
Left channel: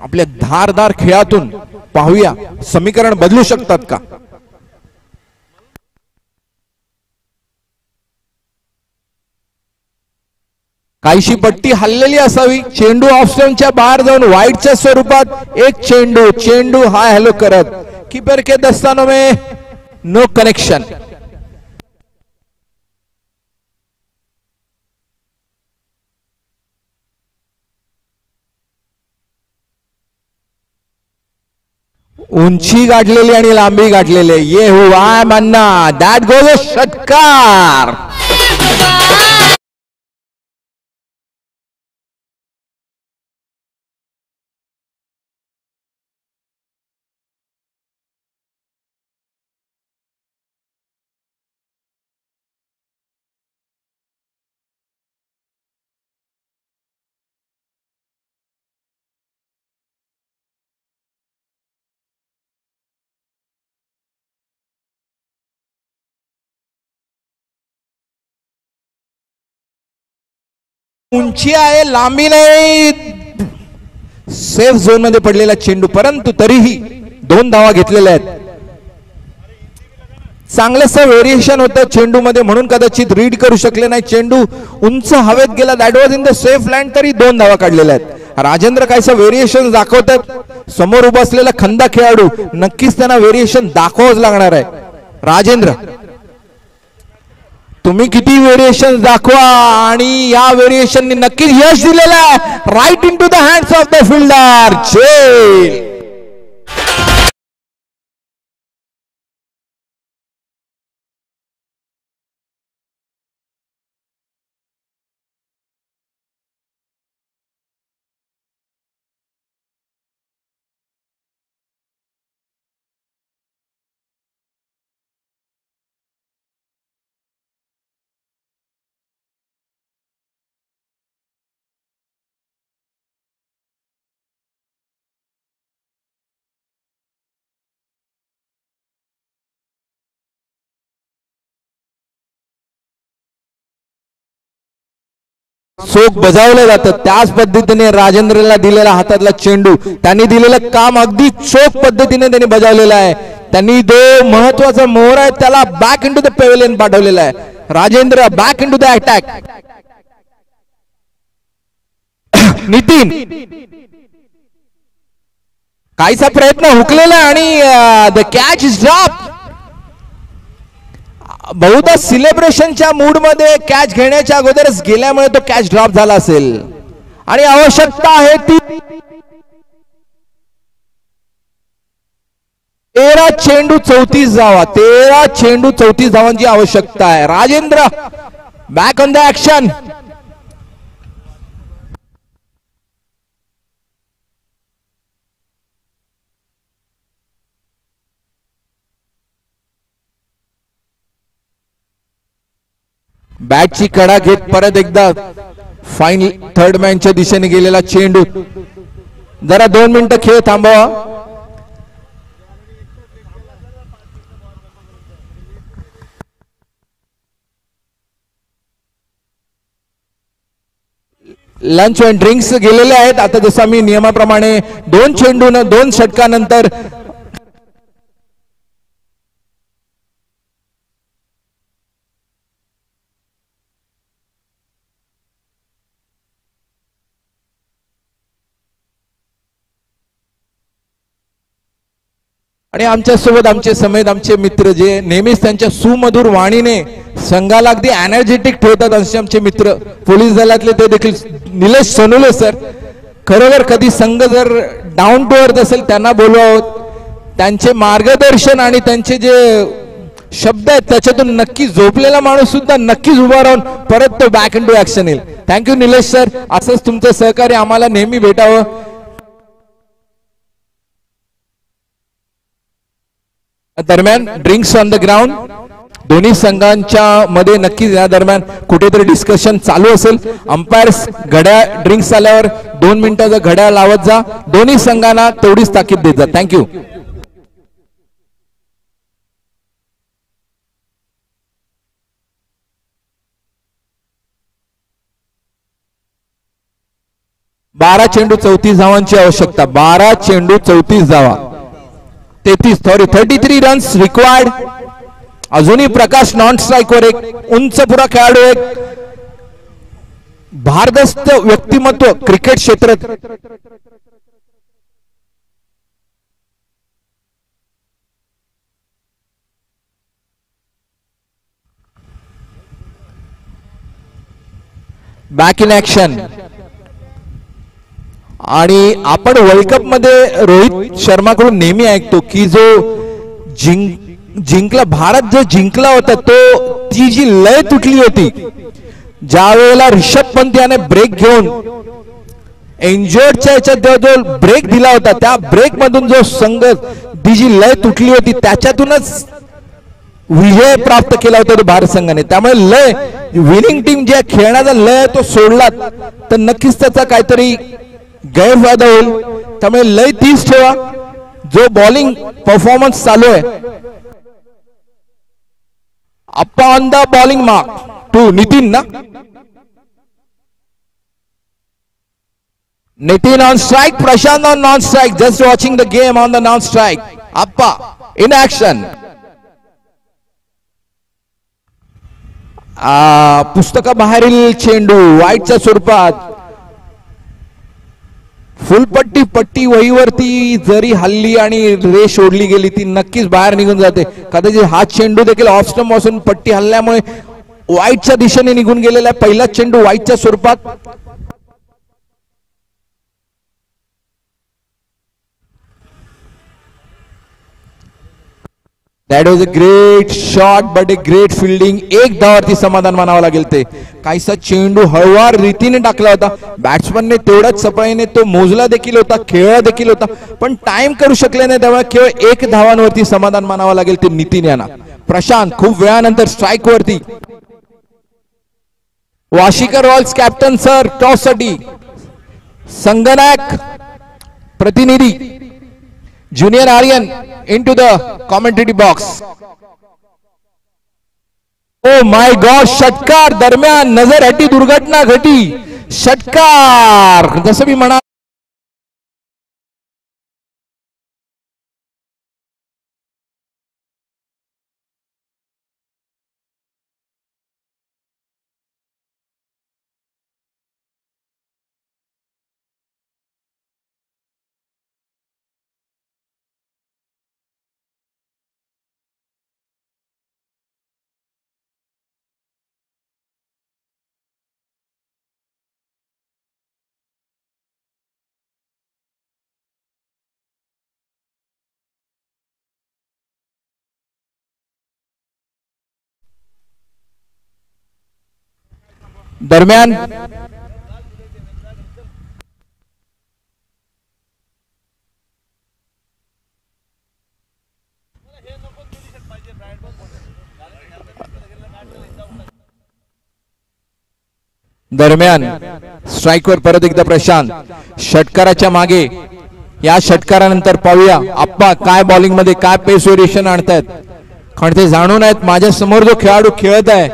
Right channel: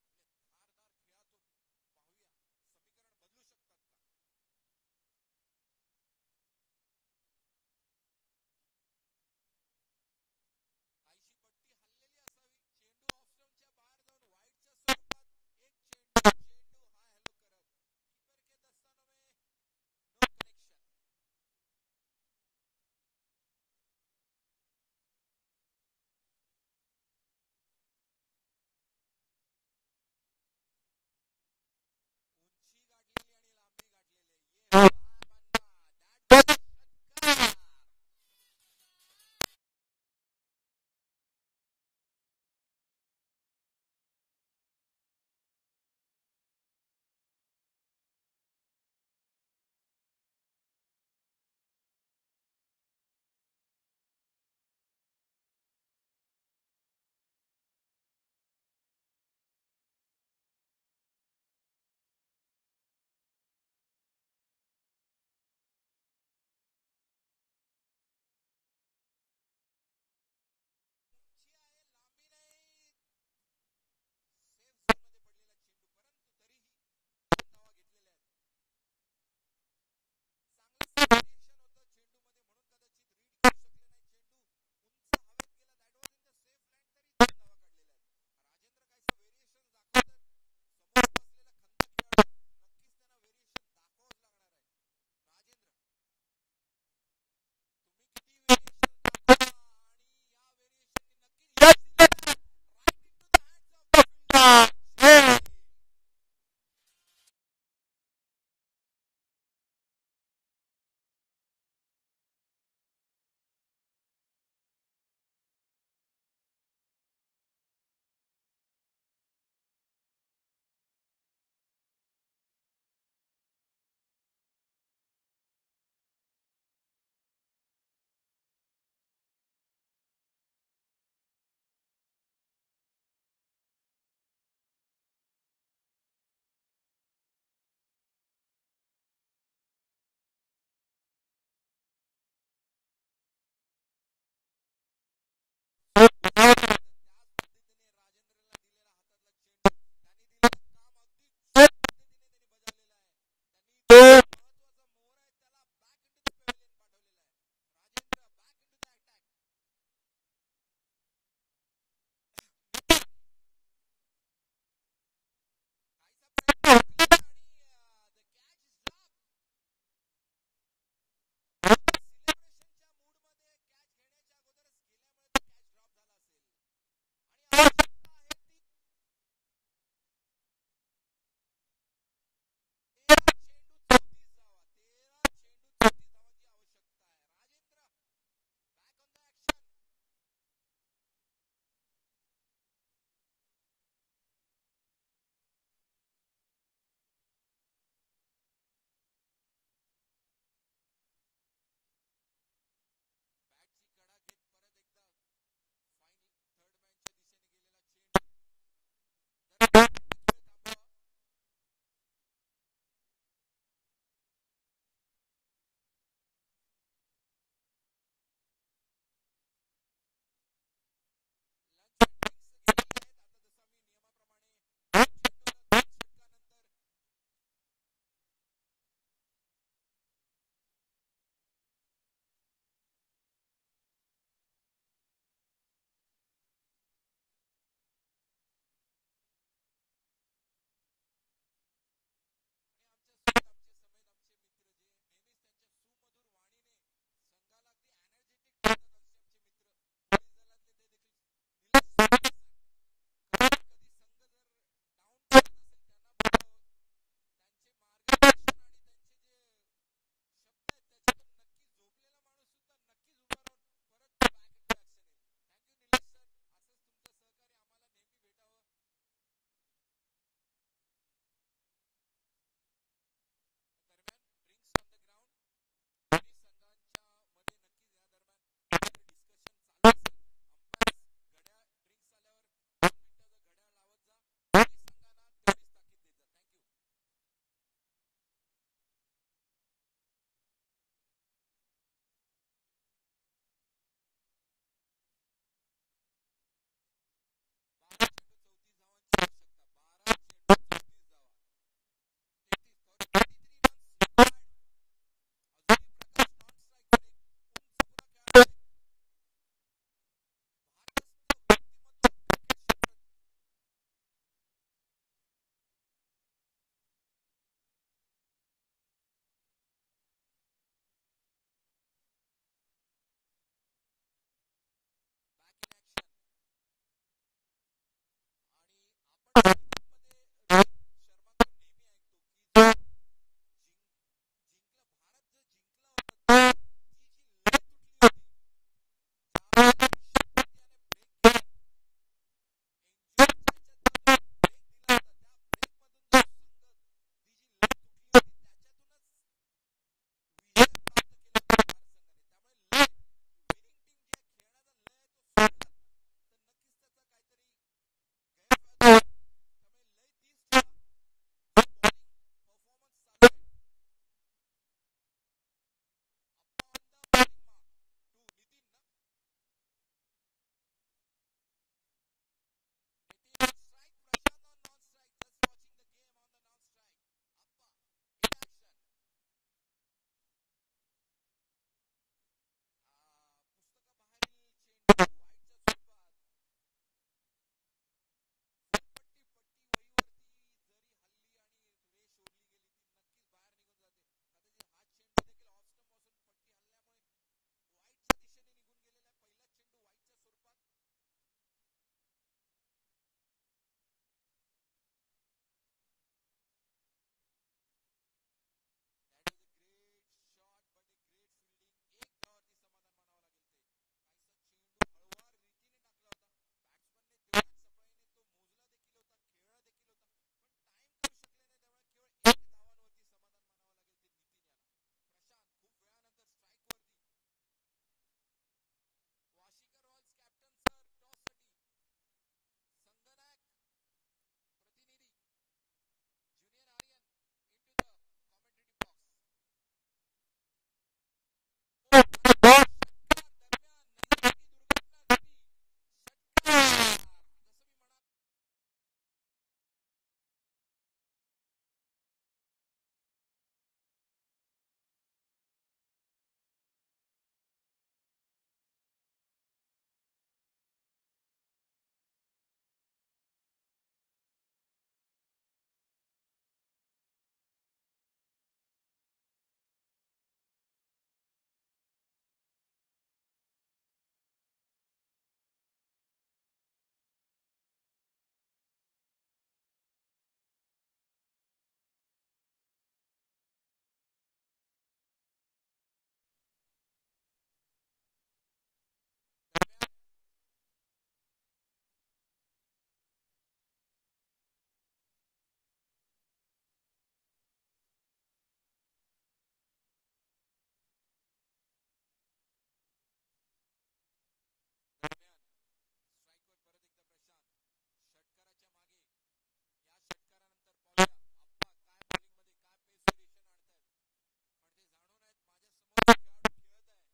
आपल्या धारदार खेळातून पाहूया समीकरण बदलू शकतात का. काहीशी पट्टी हल्लेली असावी. चेंडू ऑफस्टंपच्या बाहेर जाऊन वाईडच्या स्वरूपात एक चेंडू हाय हॅलो करत कीपर के दस्तानों में नो कनेक्शन. उंची गाठलेली आणि लांबी गाठलेली. ये हुआ मन्ना. दॅट गोज अ षटकार. उंची आहे, लांबी नाही. सेफ झोन मध्ये पडलेला चेंडू परंतु तरीही 2 धावा घेतलेल्या आहेत. चांगलंसं व्हेरिएशन होतं चेंडू मध्ये म्हणून कदाचित रीड करू शकले नाही. चेंडू उंच हवेत गेला. That was in the safe land. तरी 2 धावा काढलेल्या आहेत. राजेंद्र काहीसं व्हेरिएशन दाखवतात. समोर उभा असलेला खंदा खेळाडू नक्कीच त्यांना व्हेरिएशन दाखवावंच लागणार आहे. राजेंद्र तुम्ही किती व्हेरिएशन दाखवा आणि या व्हेरिएशननी नक्कीच यश दिलेलं आहे. Right in to the hands of the fielder. चेल चोख बजावलं जातं. त्याच पद्धतीने राजेंद्रला दिलेला हातातला चेंडू, त्यांनी दिलेलं काम अगदी चोख पद्धतीने त्यांनी बजावलेलं आहे. त्यांनी जो महत्वाचा मोहर आहे त्याला बॅक इंटू द पेव्हिलियन पाठवलेला आहे. Rajendra back into the attack. Nitin काहीचा प्रयत्न हुकलेला आणि द कॅच इज ड्रॉप. बहुधा सिलेब्रेशनच्या मूड मध्ये कॅच घेण्याच्या अगोदरच गेल्यामुळे तो कॅच ड्रॉप झाला असेल आणि आवश्यकता आहे ती 13 चेंडू 34 धावा. 13 चेंडू 34 धावांची आवश्यकता आहे. Rajendra back on the action. बॅटची कडा घेत परत एकदा फाईनल थर्ड मॅनच्या दिशेने गेलेला चेंडू. जरा 2 मिनिटं खेळ थांबवा. लंच अँड ड्रिंक्स गेलेले आहेत. आता जसं मी नियमाप्रमाणे 2 चेंडू 2 षटकानंतर आणि आमच्या सोबत आमचे समेत आमचे मित्र जे नेहमीच त्यांच्या सुमधुर वाणीने संघाला अगदी एनर्जेटिक ठेवतात असे आमचे मित्र पोलीस दलातले ते देखील निलेश सोनुले सर. खरोखर कधी संघ जर डाऊन टू अर्थ असेल त्यांना बोलवावं. त्यांचे मार्गदर्शन आणि त्यांचे जे शब्द आहेत त्याच्यातून नक्की झोपलेला माणूस सुद्धा नक्कीच उभा राहून परत तो बॅक इन टू ऍक्शन येईल. Thank you Nilesh sir. असंच तुमचं सहकार्य आम्हाला नेहमी भेटावं. दरम्यान ड्रिंक्स ऑन द ग्राउंड. दोन्ही संघांच्या मध्ये नक्कीच या दरम्यान कुठेतरी डिस्कशन चालू असेल. अंपायर्स घड्याळ ड्रिंक्स आल्यावर 2 मिनिटाचा घड्याळ लावत जा. दोन्ही संघांना तेवढीच ताकीद देत जा. थँक्यू. बारा चेंडू 34 धावांची आवश्यकता. 12 चेंडू 34 धावा. 33 रन्स रिक्वायर्ड. अजूनही प्रकाश नॉन स्ट्राइक वर. एक उंच पुरा खेळाडू, एक भारदस्त व्यक्तिमत्व क्रिकेट क्षेत्रात. Back in action. आणि आपण वर्ल्ड कप मध्ये रोहित शर्माकडून नेहमी ऐकतो की जो जिंकला भारत जो जिंकला होता तो ती जी लय तुटली होती ज्या वेळेला ऋषभ पंत याने ब्रेक घेऊन इंजर्डच्या याच्यात जो ब्रेक दिला होता त्या ब्रेक मधून जो संघ ती जी लय तुटली होती त्याच्यातूनच विजय प्राप्त केला होता तो भारत संघाने. त्यामुळे लय विनिंग टीम ज्या खेळण्याचा लय तो सोडला तर नक्कीच त्याचा काहीतरी गैरफायदा होईल. त्यामुळे लय तीच ठेवा. जो बॉलिंग परफॉर्मन्स चालू आहे Appa on the bowling mark to Nitin ना. Nitin on strike, Prashant on non strike. Just watching the game on the non strike. Appa in action. पुस्तकाबाहेरील चेंडू वाईटच्या स्वरूपात. फुलपट्टी पट्टी वहीवरती जरी हल्ली आणि रेष ओढली गेली ती नक्कीच बाहेर निघून जाते. कदाचित हा चेंडू देखील ऑफ स्टंप पासून पट्टी हल्ल्यामुळे वाईटच्या दिशेने निघून गेलेला आहे. पहिला चेंडू वाईटच्या स्वरूपात. That was a great shot but a great fielding. एक धावावरती समाधान मानावं लागेल. ते काहीसा चेंडू हळूवार रीतीने टाकला होता. बॅट्समनने तेवढ्याच सफाईने तो मोजला देखील होता, खेळला देखील होता, पण टाइम करू शकले नाही. त्यामुळे केवळ एक धावांवरती समाधान मानावं लागेल ते नितीन यांना. प्रशांत खूप वेळानंतर स्ट्राईक वरती. Washikar Royals captain sir toss साठी. संगनायक प्रतिनिधी junior Aryan into the commentary box. Oh my God, षटकार दरम्यान नजर हटी दुर्घटना घटी. षटकार जसं मी म्हणा दरम्यान दरम्यान स्ट्राईकवर परत एकदा प्रशांत. षटकाराच्या मागे. या षटकारानंतर पाहूया आप्पा काय बॉलिंग मध्ये काय पेस व्हेरिएशन आणतायत. कारण ते जाणून आहेत माझ्या समोर जो खेळाडू खेळत आहे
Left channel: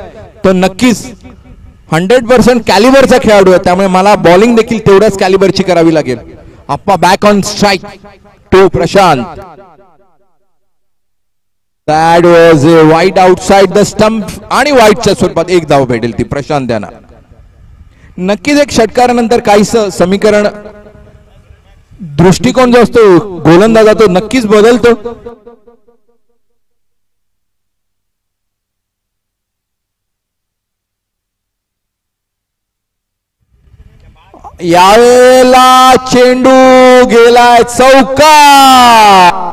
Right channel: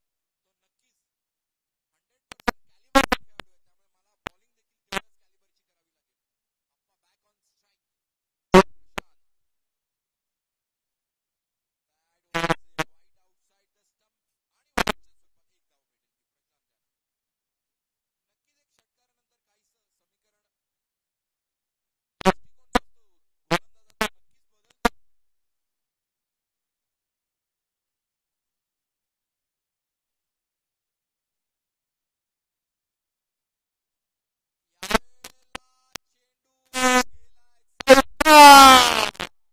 तो नक्कीच 100% कॅलिबरचा खेळाडू आहे. त्यामुळे मला बॉलिंग देखील तेवढ्याच कॅलिबरची करावी लागेल. Appa back on strike to Prashant. That was a wide outside the stump आणि वाईटच्या स्वरूपात एक धाव भेटेल ती प्रशांत यांना. नक्कीच एक षटकारानंतर काहीसं समीकरण दृष्टिकोन जो असतो गोलंदाजा तो नक्कीच बदलतो. यावेळेला चेंडू गेलाय चौकार.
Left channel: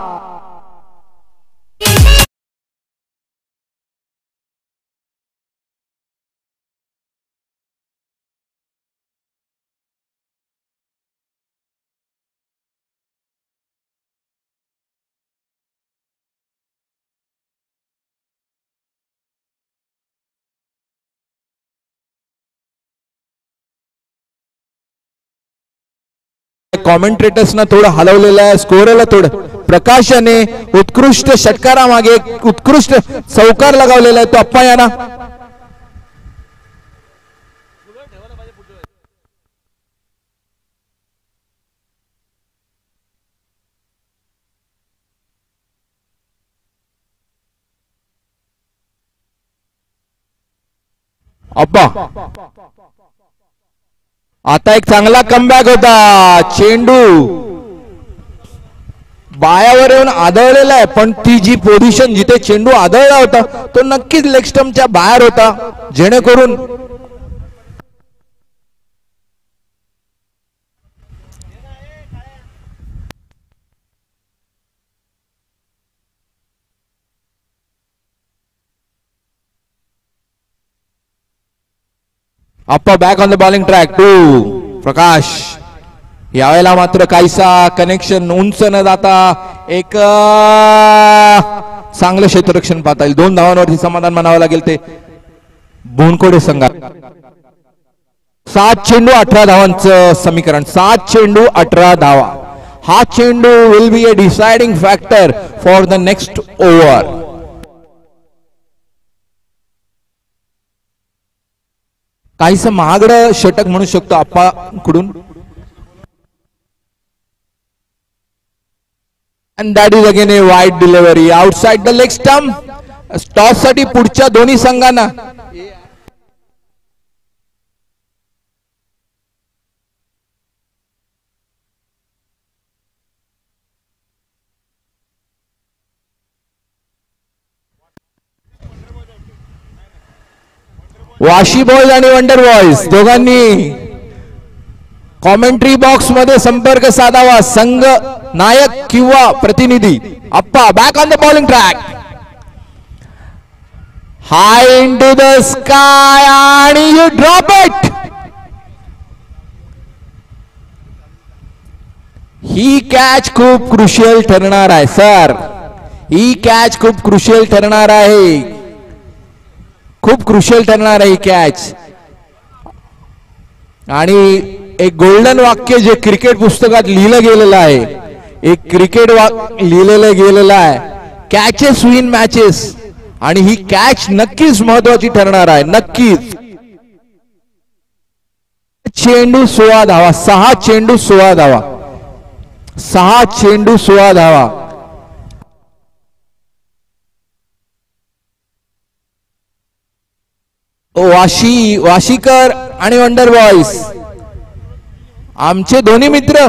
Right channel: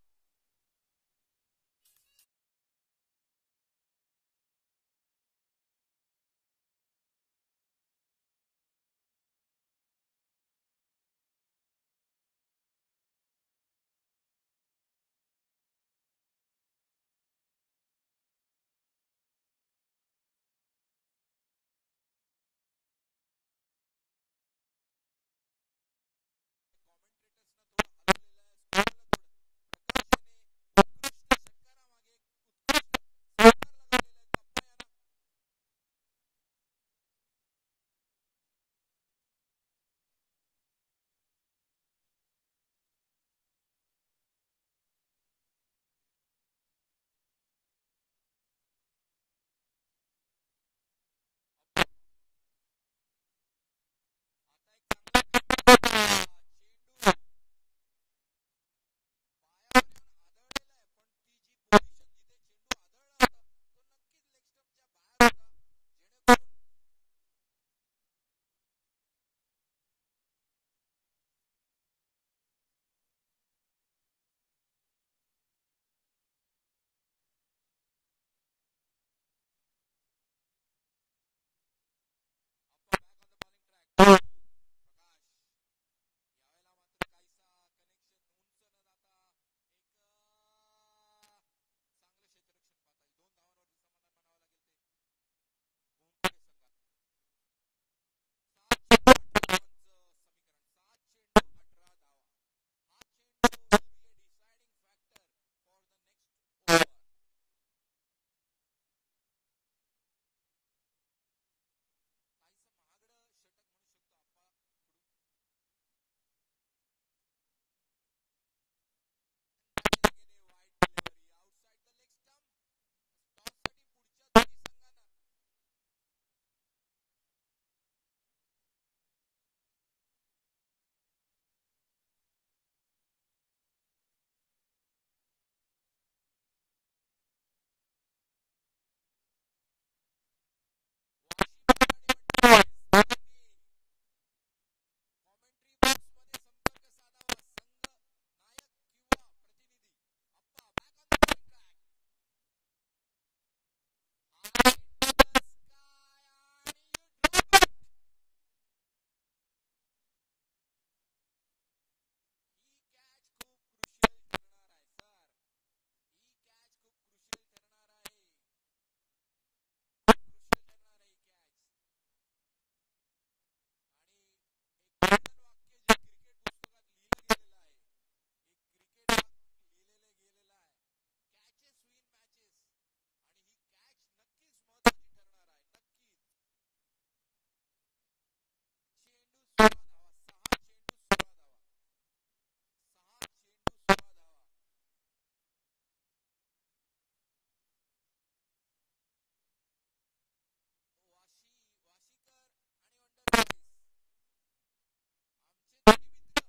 कॉमेंट्रेटर्सना थोडं हलवलेलं आहे. स्कोरला थोडं प्रकाशाने उत्कृष्ट षटकारामागे उत्कृष्ट चौकार लगावलेला आहे तो अप्पा यांना. अप्पा आता एक चांगला कमबॅक होता. चेंडू बायावर येऊन आदळलेला आहे, पण ती जी पोझिशन जिथे चेंडू आदळला होता तो नक्कीच लेग स्टंपच्या बाहेर होता. जेणेकरून Appa back on the bowling track to Prakash. यावेळेला मात्र काहीसा कनेक्शन उंच न जाता एक चांगलं क्षेत्ररक्षण पाहता येईल. 2 धावांवरती समाधान मानावं लागेल ते बोनकोडे संघात. 7 चेंडू 18 धावांचं समीकरण. 7 चेंडू 18 धावा. हा चेंडू will be a deciding factor for the next over. काहीसं महागडं षटक म्हणू शकतो आप्पाकडून. And that is again a wide delivery outside the leg stump. Toss साठी पुढच्या दोन्ही संघांना वाशी बॉयज आणि वंडर बॉयज दोघांनी कॉमेंट्री बॉक्स मध्ये संपर्क साधावा. संघ नायक किंवा प्रतिनिधी. Appa back on the bowling track. High into the sky आणि यू ड्रॉप इट. ही कॅच खूप क्रुशियल ठरणार आहे सर. ही कॅच खूप क्रुशियल ठरणार आहे. खूप क्रुशियल ठरणार आहे ही कॅच. आणि एक गोल्डन वाक्य जे क्रिकेट पुस्तकात लिहिलं गेलेलं आहे. एक क्रिकेट लिहिलेलं गेलेलं आहे. Catches win matches. आणि ही कॅच नक्कीच महत्वाची ठरणार आहे. नक्कीच. चेंडू 16 धावा. 6 चेंडू 16 धावा. 6 चेंडू 16 धावा. वाशीकर आणि वंडर बॉयज आमचे दोन्ही मित्र.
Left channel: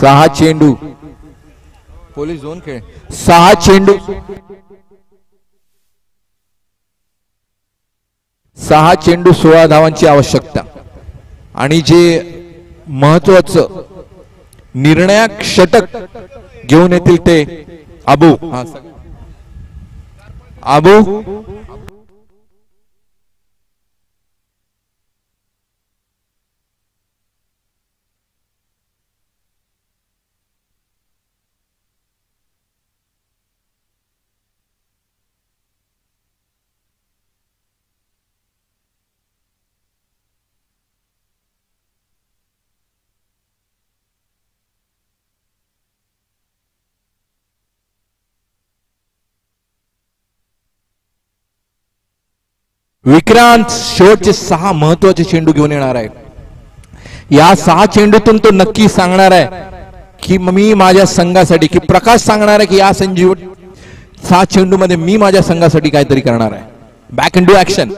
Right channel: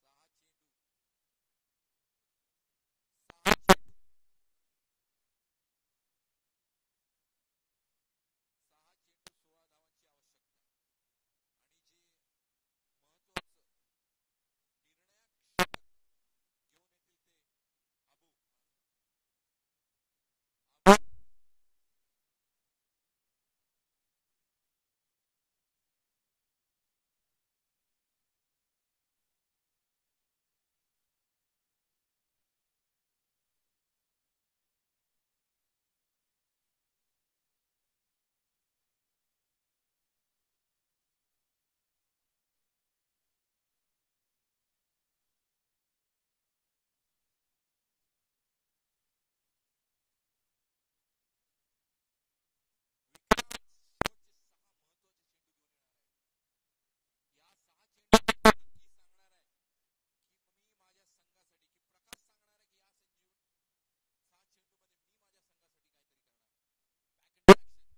सहा चेंडू पोलीस झोन खेळ. 6 चेंडू 6 चेंडू 16 धावांची आवश्यकता. आणि जे महत्वाचं निर्णायक षटक घेऊन येतील ते अबू. अबू विक्रांत शेवटचे 6 महत्वाचे चेंडू घेऊन येणार आहे. या 6 चेंडूतून तो नक्की सांगणार आहे की मी माझ्या संघासाठी, की प्रकाश सांगणार आहे की या 6 चेंडू मध्ये मी माझ्या संघासाठी काहीतरी करणार आहे. Back in to action.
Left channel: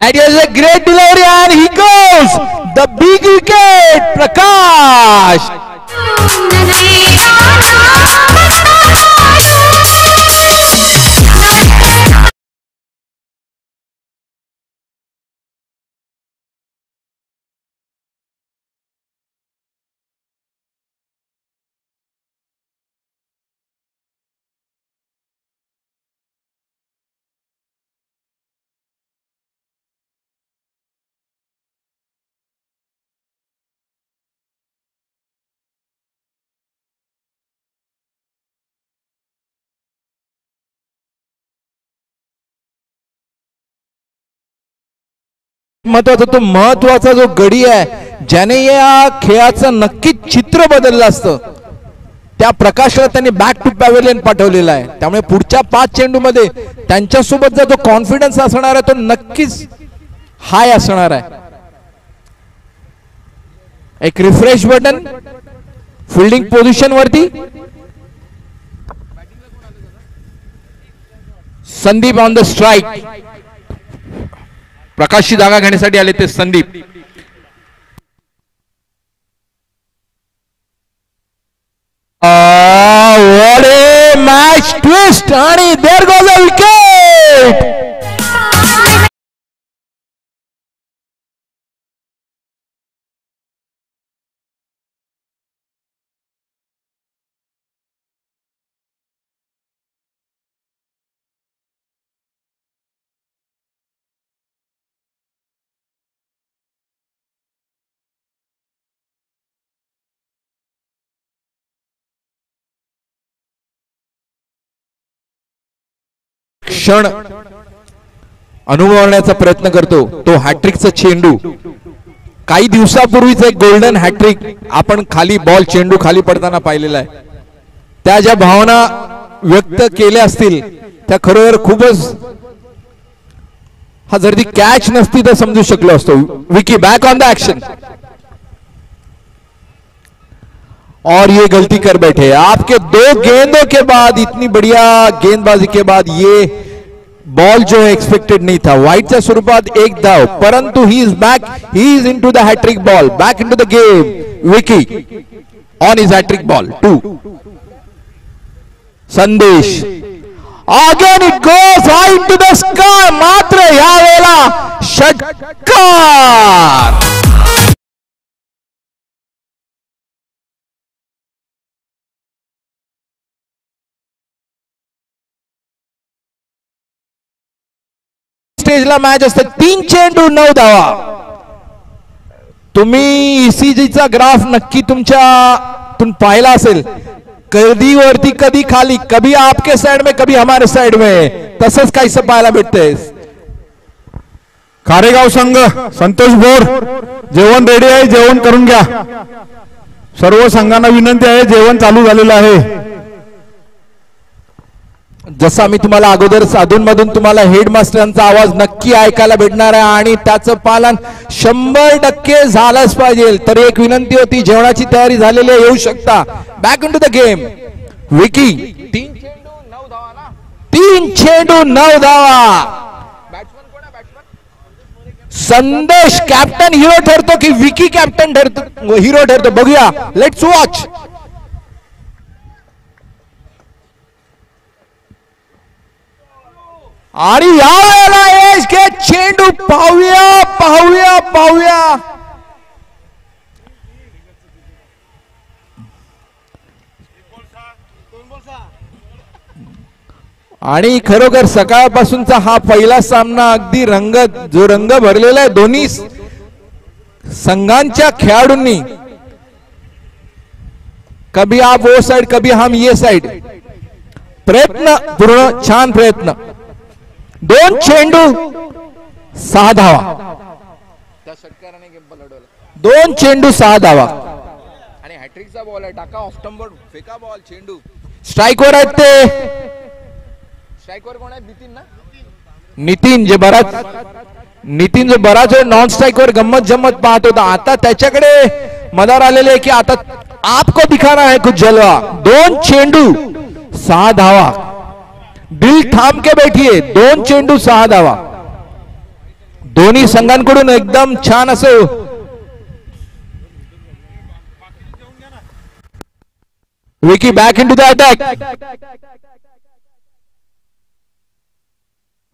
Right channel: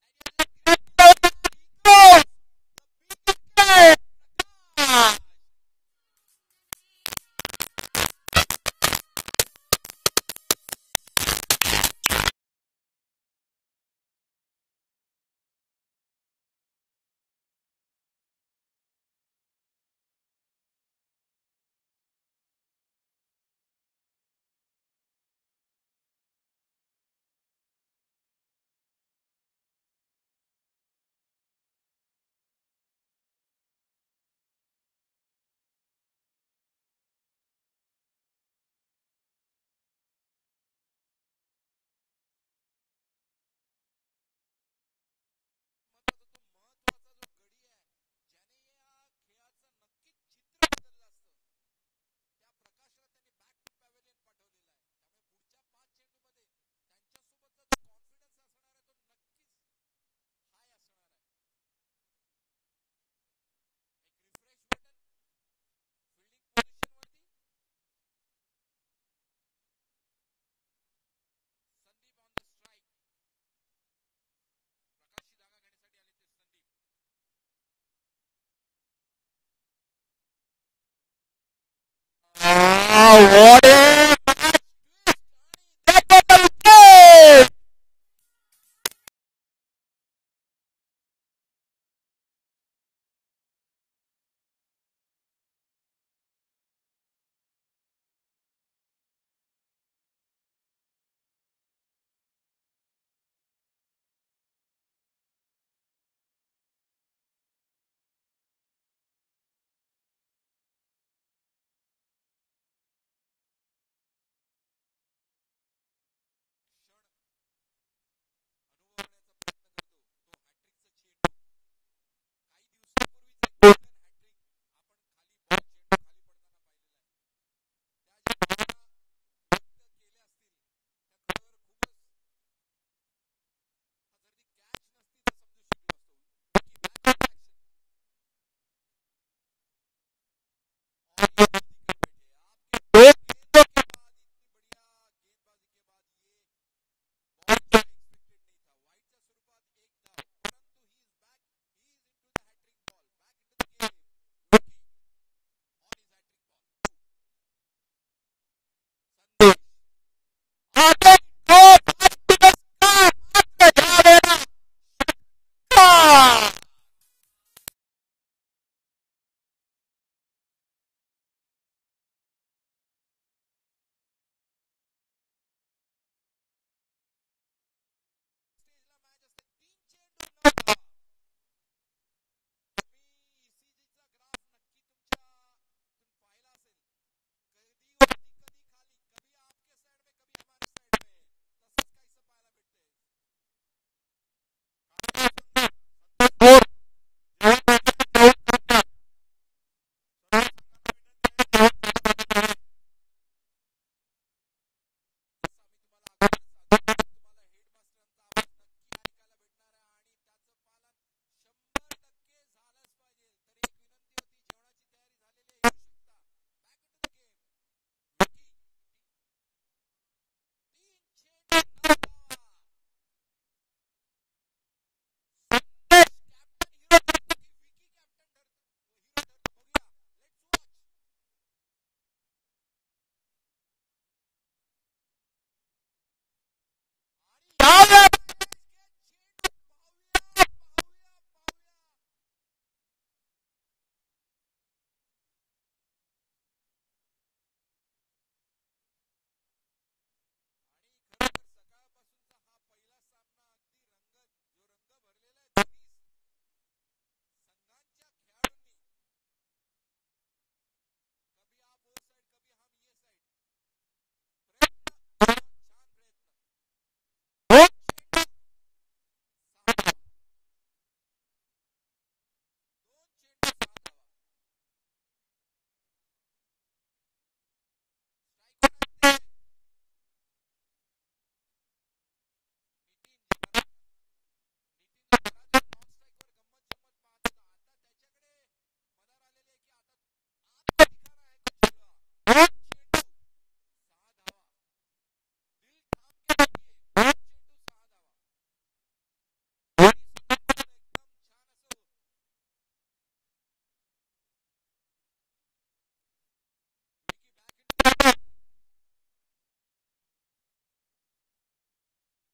That is a great delivery and he goes the big wicket. Prakash. महत्वाचा जो गडी आहे ज्याने या खेळाचं नक्कीच चित्र बदललं असतं त्या प्रकाशला त्यांनी बॅक टू पॅव्हेलियन पाठवलेला आहे. त्यामुळे पुढच्या 5 चेंडू मध्ये त्यांच्यासोबत जो कॉन्फिडन्स असणार आहे तो नक्कीच हाय असणार आहे. एक रिफ्रेश बटन फिल्डिंग पोझिशन वरती. Sandeep on the strike. प्रकाशची जागा घेण्यासाठी आले ते Sandeep. What a match twist आणि देयर गोज अ विकेट. क्षण अनुभवण्याचा प्रयत्न करतो तो हॅट्रिकचा चेंडू. काही दिवसापूर्वीच एक गोल्डन हॅट्रिक आपण खाली बॉल चेंडू खाली पडताना पाहिलेला आहे. त्या ज्या भावना व्यक्त केल्या असतील त्या खरोखर खूपच. हा जर ती कॅच नसती तर समजू शकलो असतो. Vicky back on the action और ये गलती कर बैठे. आपके 2 गेंदों के बाद, इतनी बढ़िया गेंदबाजी के बाद ये बॉल जो एक्सपेक्टेड नहीं था. वाईटच्या स्वरूपात एक धाव, परंतु he is back, he is in to the hattrick ball, back in to the game. Vicky on is hattrick ball 2. Sandesh again it goes high in to the sky. मात्र या वेळेला षटकार. स्टेजला मॅच असते. 3 चेंडू 9 धावा. तुम्ही ईसीजीचा ग्राफ नक्की तुमच्यातून पाहिला असेल. कधी वरती कधी खाली, कभी आपके साइड में कभी हमारे साइड में, तसंच काहीसं पाहायला भेटतंय. कारेगाव संघ संतोष बोर जेवण रेडी आहे, जेवण करून घ्या. सर्व संघांना विनंती आहे, जेवण चालू झालेलं आहे. जसा मी तुम्हाला अगोदर अधूनमधून तुम्हाला हेडमास्टरांचा आवाज नक्की ऐकायला भेटणार आहे आणि त्याचं पालन 100% झालंच पाहिजे. तर एक विनंती होती, जेवणाची तयारी झालेली आहे, येऊ शकता. Back in to the game. Vicky 3 चेंडू 9 धावा. संदेश कॅप्टन हिरो ठरतो की विकी कॅप्टन ठरतो, हिरो ठरतो, बघूया. Let's watch. आणि या वेळेला एज के चेंडू पाहूया पाहूया पाहूया. आणि खरोखर सकाळपासूनचा हा पहिला सामना अगदी जो रंग भरलेला आहे दोन्ही संघांच्या खेळाडूंनी. कभी आप वो साइड, कभी हम ये साइड. प्रयत्न पूर्ण, छान प्रयत्न. 2 चेंडू 6 धावा. 2 चेंडू 6 धावा. आणि हॅट्रिकचा बॉल आहे. टाका ऑफ स्टंपवर फेका बॉल. चेंडू स्ट्राईकवर आहेत ते. स्ट्राईकवर कोण आहे? नितीन ना. नितीन जो बराच वेळ नॉन स्ट्राईकवर गंमत जम्मत पाहत होता. आता त्याच्याकडे मदार आलेले की आता आपको दिखाना है कुछ जलवा. 2 चेंडू 6 धावा. दिल थांब के बैठिए. 2 चेंडू 6 धावा. दोन्ही संघांकडून एकदम छान असं Vicky back in to the attack.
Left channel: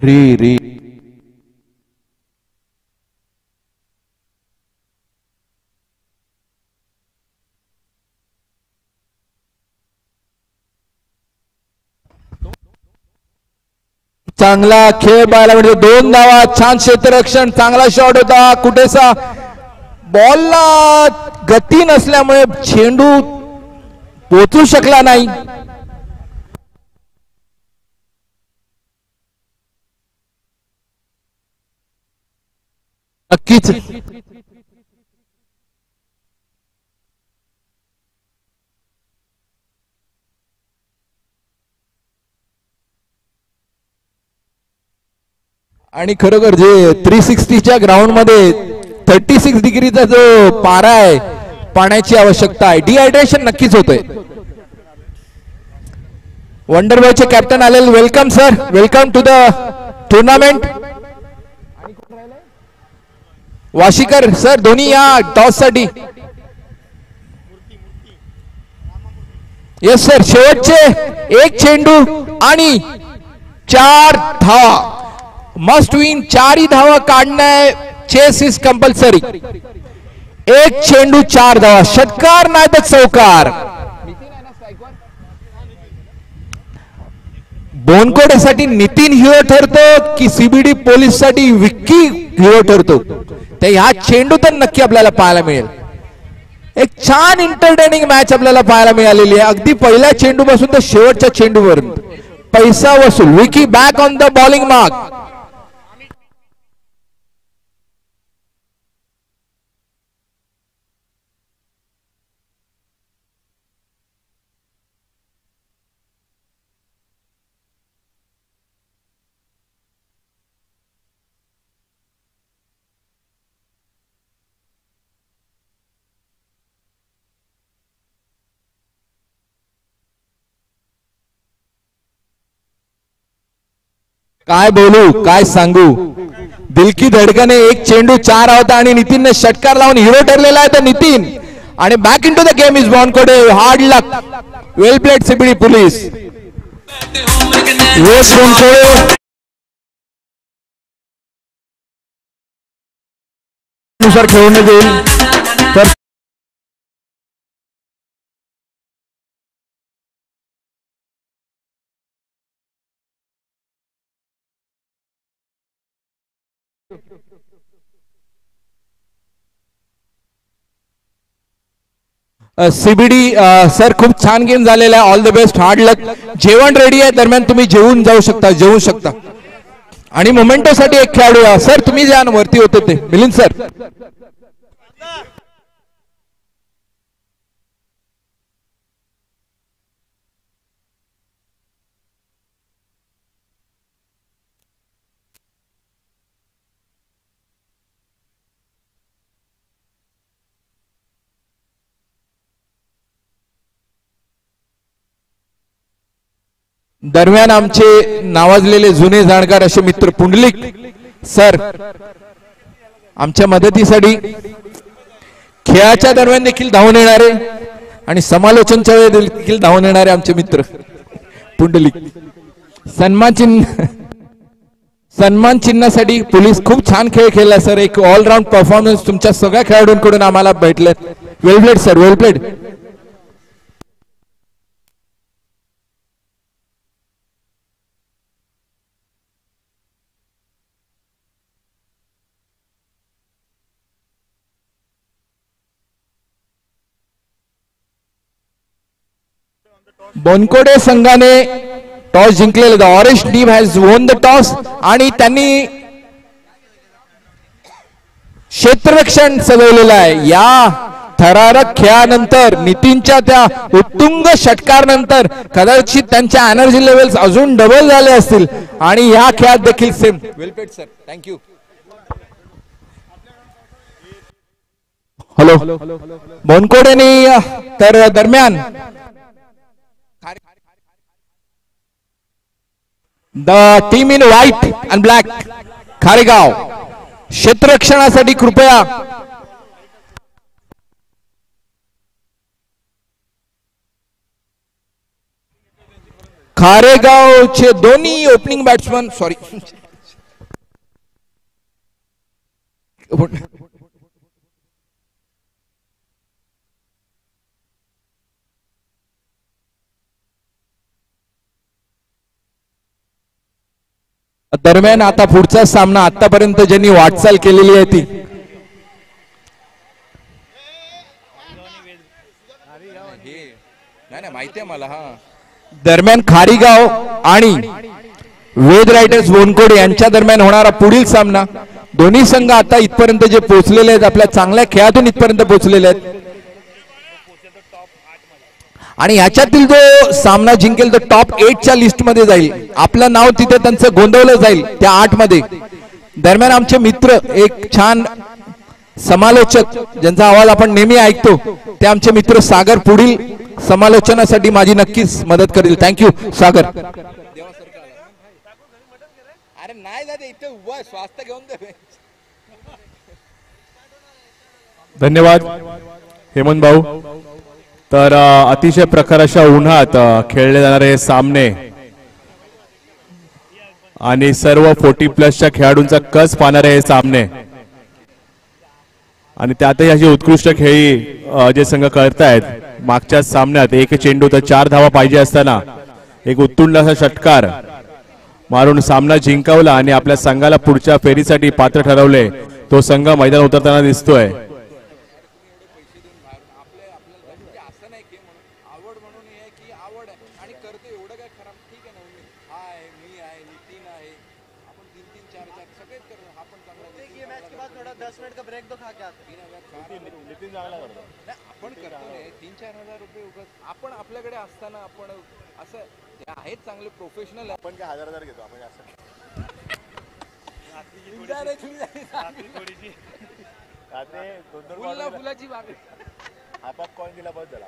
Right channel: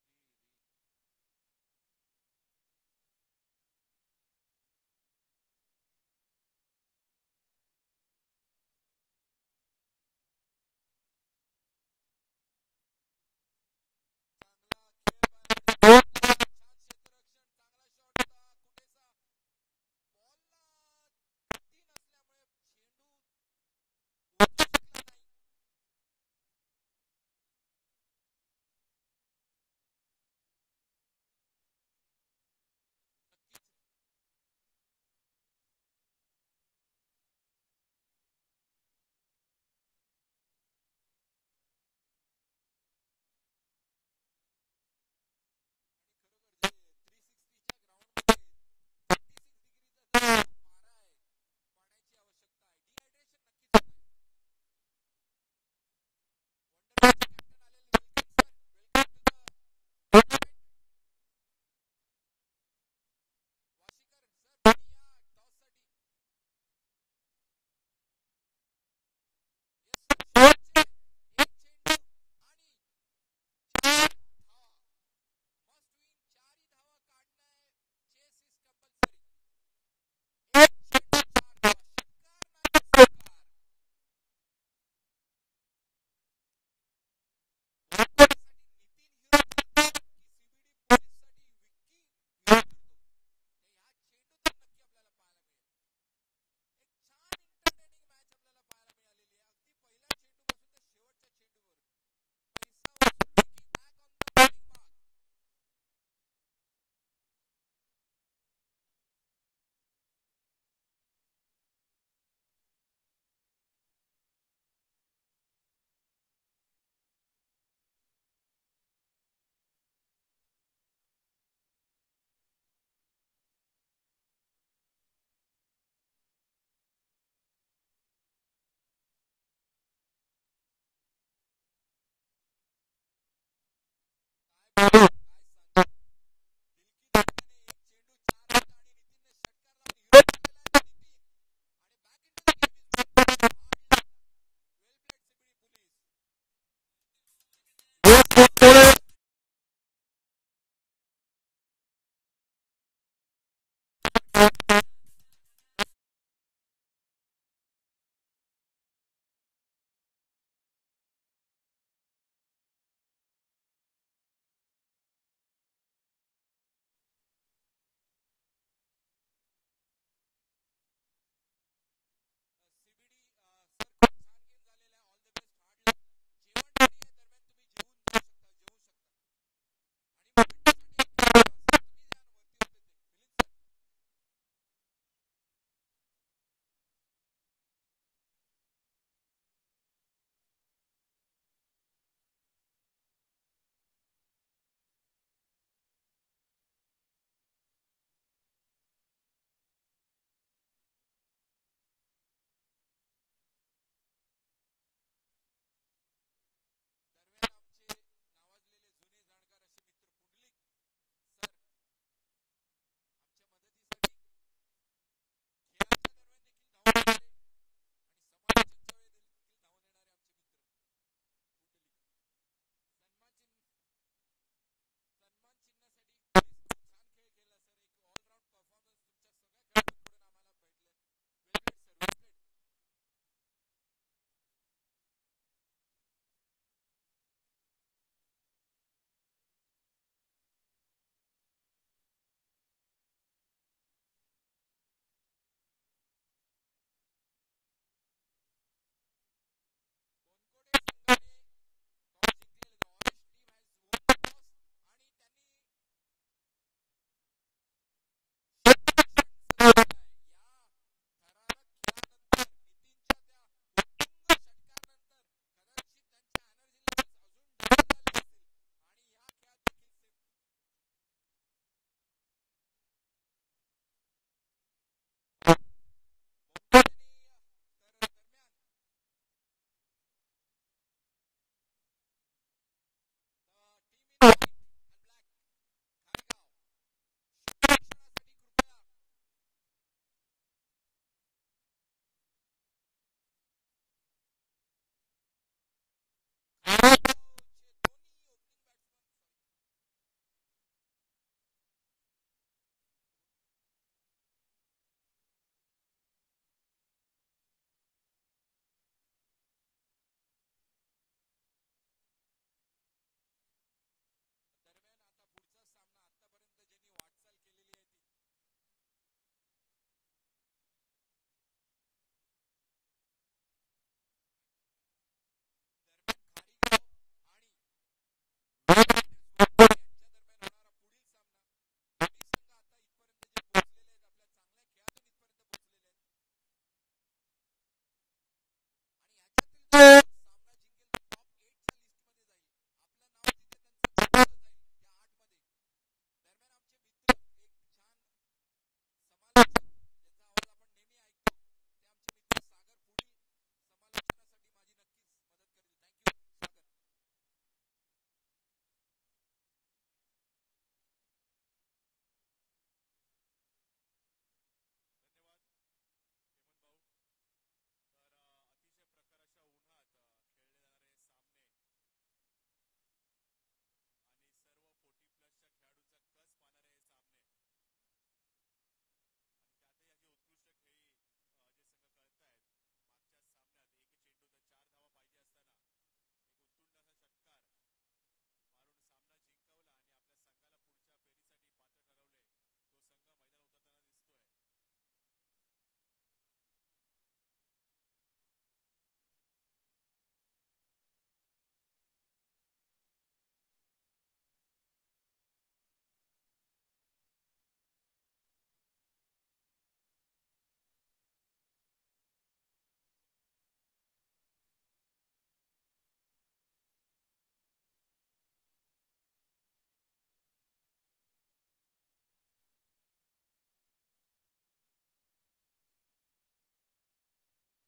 री चांगला खेळ पाहायला मिळतो. 2 धावा. छान क्षेत्ररक्षण. चांगला शॉट होता. कुठेसा बॉलला गती नसल्यामुळे चेंडू पोचू शकला नाही. नक्कीच आणि खरोखर जे 360च्या ग्राउंड मध्ये 36 डिग्रीचा जो पारा आहे, पाण्याची आवश्यकता आहे. डिहायड्रेशन नक्कीच होतंय. वंडरबॉयचे कॅप्टन आलेले. Welcome sir, welcome to the tournament. Vashikar sir Dhoni या टॉस साठी. Yes sir. शेवटचे 1 चेंडू आणि 4 धावा. Must win. 4 धावा काढणे. Chess is compulsory. 1 चेंडू 4 धावा. षटकार नाही तर चौकार. बोनकोडेसाठी नितीन हिरो ठरतो की सीबीडी पोलीस साठी विक्की हिरो ठरतो, ते ह्या चेंडू तर नक्की आपल्याला पाहायला मिळेल. एक छान एंटरटेनिंग मॅच आपल्याला पाहायला मिळालेली आहे. अगदी पहिल्या चेंडू पासून तर शेवटच्या चेंडूपर्यंत पैसा वसूल. Vicky back on the bowling mark. काय बोलू काय सांगू, दिल की धडकने एक चेंडू 4 होता आणि नितीनने षटकार लावून हिरो ठरलेला आहे. तर नितीन आणि back in to the game is Bonkode. Hard luck, well played CBD police. वेस बोनकोळे नुसार खेळवण्यात येईल. तर सीबीडी सर खूप छान गेम झालेला आहे. ऑल द बेस्ट, हार्ड लक. जेवण रेडी आहे, दरम्यान तुम्ही जेवून जाऊ शकता, जेवू शकता. आणि मोमेंटोसाठी एक खेळाडू सर तुम्ही ज्या वरती होते ते मिलिंद सर. दरम्यान आमचे नावाजलेले जुने जाणकार असे मित्र पुंडलिक सर आमच्या मदतीसाठी खेळाच्या दरम्यान देखील धावून येणारे आणि समालोचनच्या वेळी देखील धावून येणारे आमचे मित्र पुंडलिक. सन्मान चिन्हासाठी पोलीस खूप छान खेळ खेळला सर. एक ऑलराऊंड परफॉर्मन्स तुमच्या सगळ्या खेळाडूंकडून आम्हाला भेटले. वेल प्लेड सर, वेल प्लेड. बोनकोडे संघाने टॉस जिंकलेला. The orange team has won the toss आणि त्यांनी क्षेत्ररक्षण सजवलेलं आहे. या थरारक खेळानंतर नितीनच्या त्या उत्तुंग षटकार नंतर कदाचित त्यांच्या एनर्जी लेवल्स अजून डबल झाले असतील आणि या खेळात देखील same. Well played sir, thank you. Hello बोनकोडेने तर दरम्यान the team in white and black Kharegaon क्षेत्ररक्षणासाठी कृपया खारेगावचे दोन्ही ओपनिंग बॅट्समन सॉरी दरम्यान आता पुढचा सामना आतापर्यंत ज्यांनी वाटचाल केलेली आहे ती माहिती आहे मला. दरम्यान खारीगाव आणि वेद रायडर्स बोनकोडे यांच्या दरम्यान होणारा पुढील सामना. दोन्ही संघ आता इथपर्यंत जे पोहोचलेले आहेत, आपल्या चांगल्या खेळातून इथपर्यंत पोहोचलेले आहेत आणि याच्यातील जो सामना जिंकेल तो टॉप 8च्या लिस्ट मध्ये जाईल. आपलं नाव तिथे त्यांचं गोंधवलं जाईल त्या 8 मध्ये. दरम्यान आमचे मित्र एक छान समालोचक ज्यांचा आवाज आपण नेहमी ऐकतो ते आमचे मित्र सागर पुढील समालोचनासाठी माझी नक्कीच मदत करतील. थँक्यू सागर. अरे नाही दादा इथे उभा स्वास्थ्य घेऊन दे. धन्यवाद हेमंत भाऊ. तर अतिशय प्रखर अशा उन्हात खेळले जाणारे सामने आणि सर्व 40+ खेळाडूंचा कस पाहणारे हे सामने आणि त्यातही अशी उत्कृष्ट खेळी जे संघ करतायत. मागच्या सामन्यात एक चेंडू तर 4 धावा पाहिजे असताना एक उत्तुंग असा षटकार मारून सामना जिंकवला आणि आपल्या संघाला पुढच्या फेरीसाठी पात्र ठरवले. तो संघ मैदान उतरताना दिसतोय. आपण आपल्याकडे असताना आपण असं आहेत चांगले प्रोफेशनल. आपण काय 1000 घेतो आपण असं फुलाची बाग हातात कॉइन दिला बस झाला.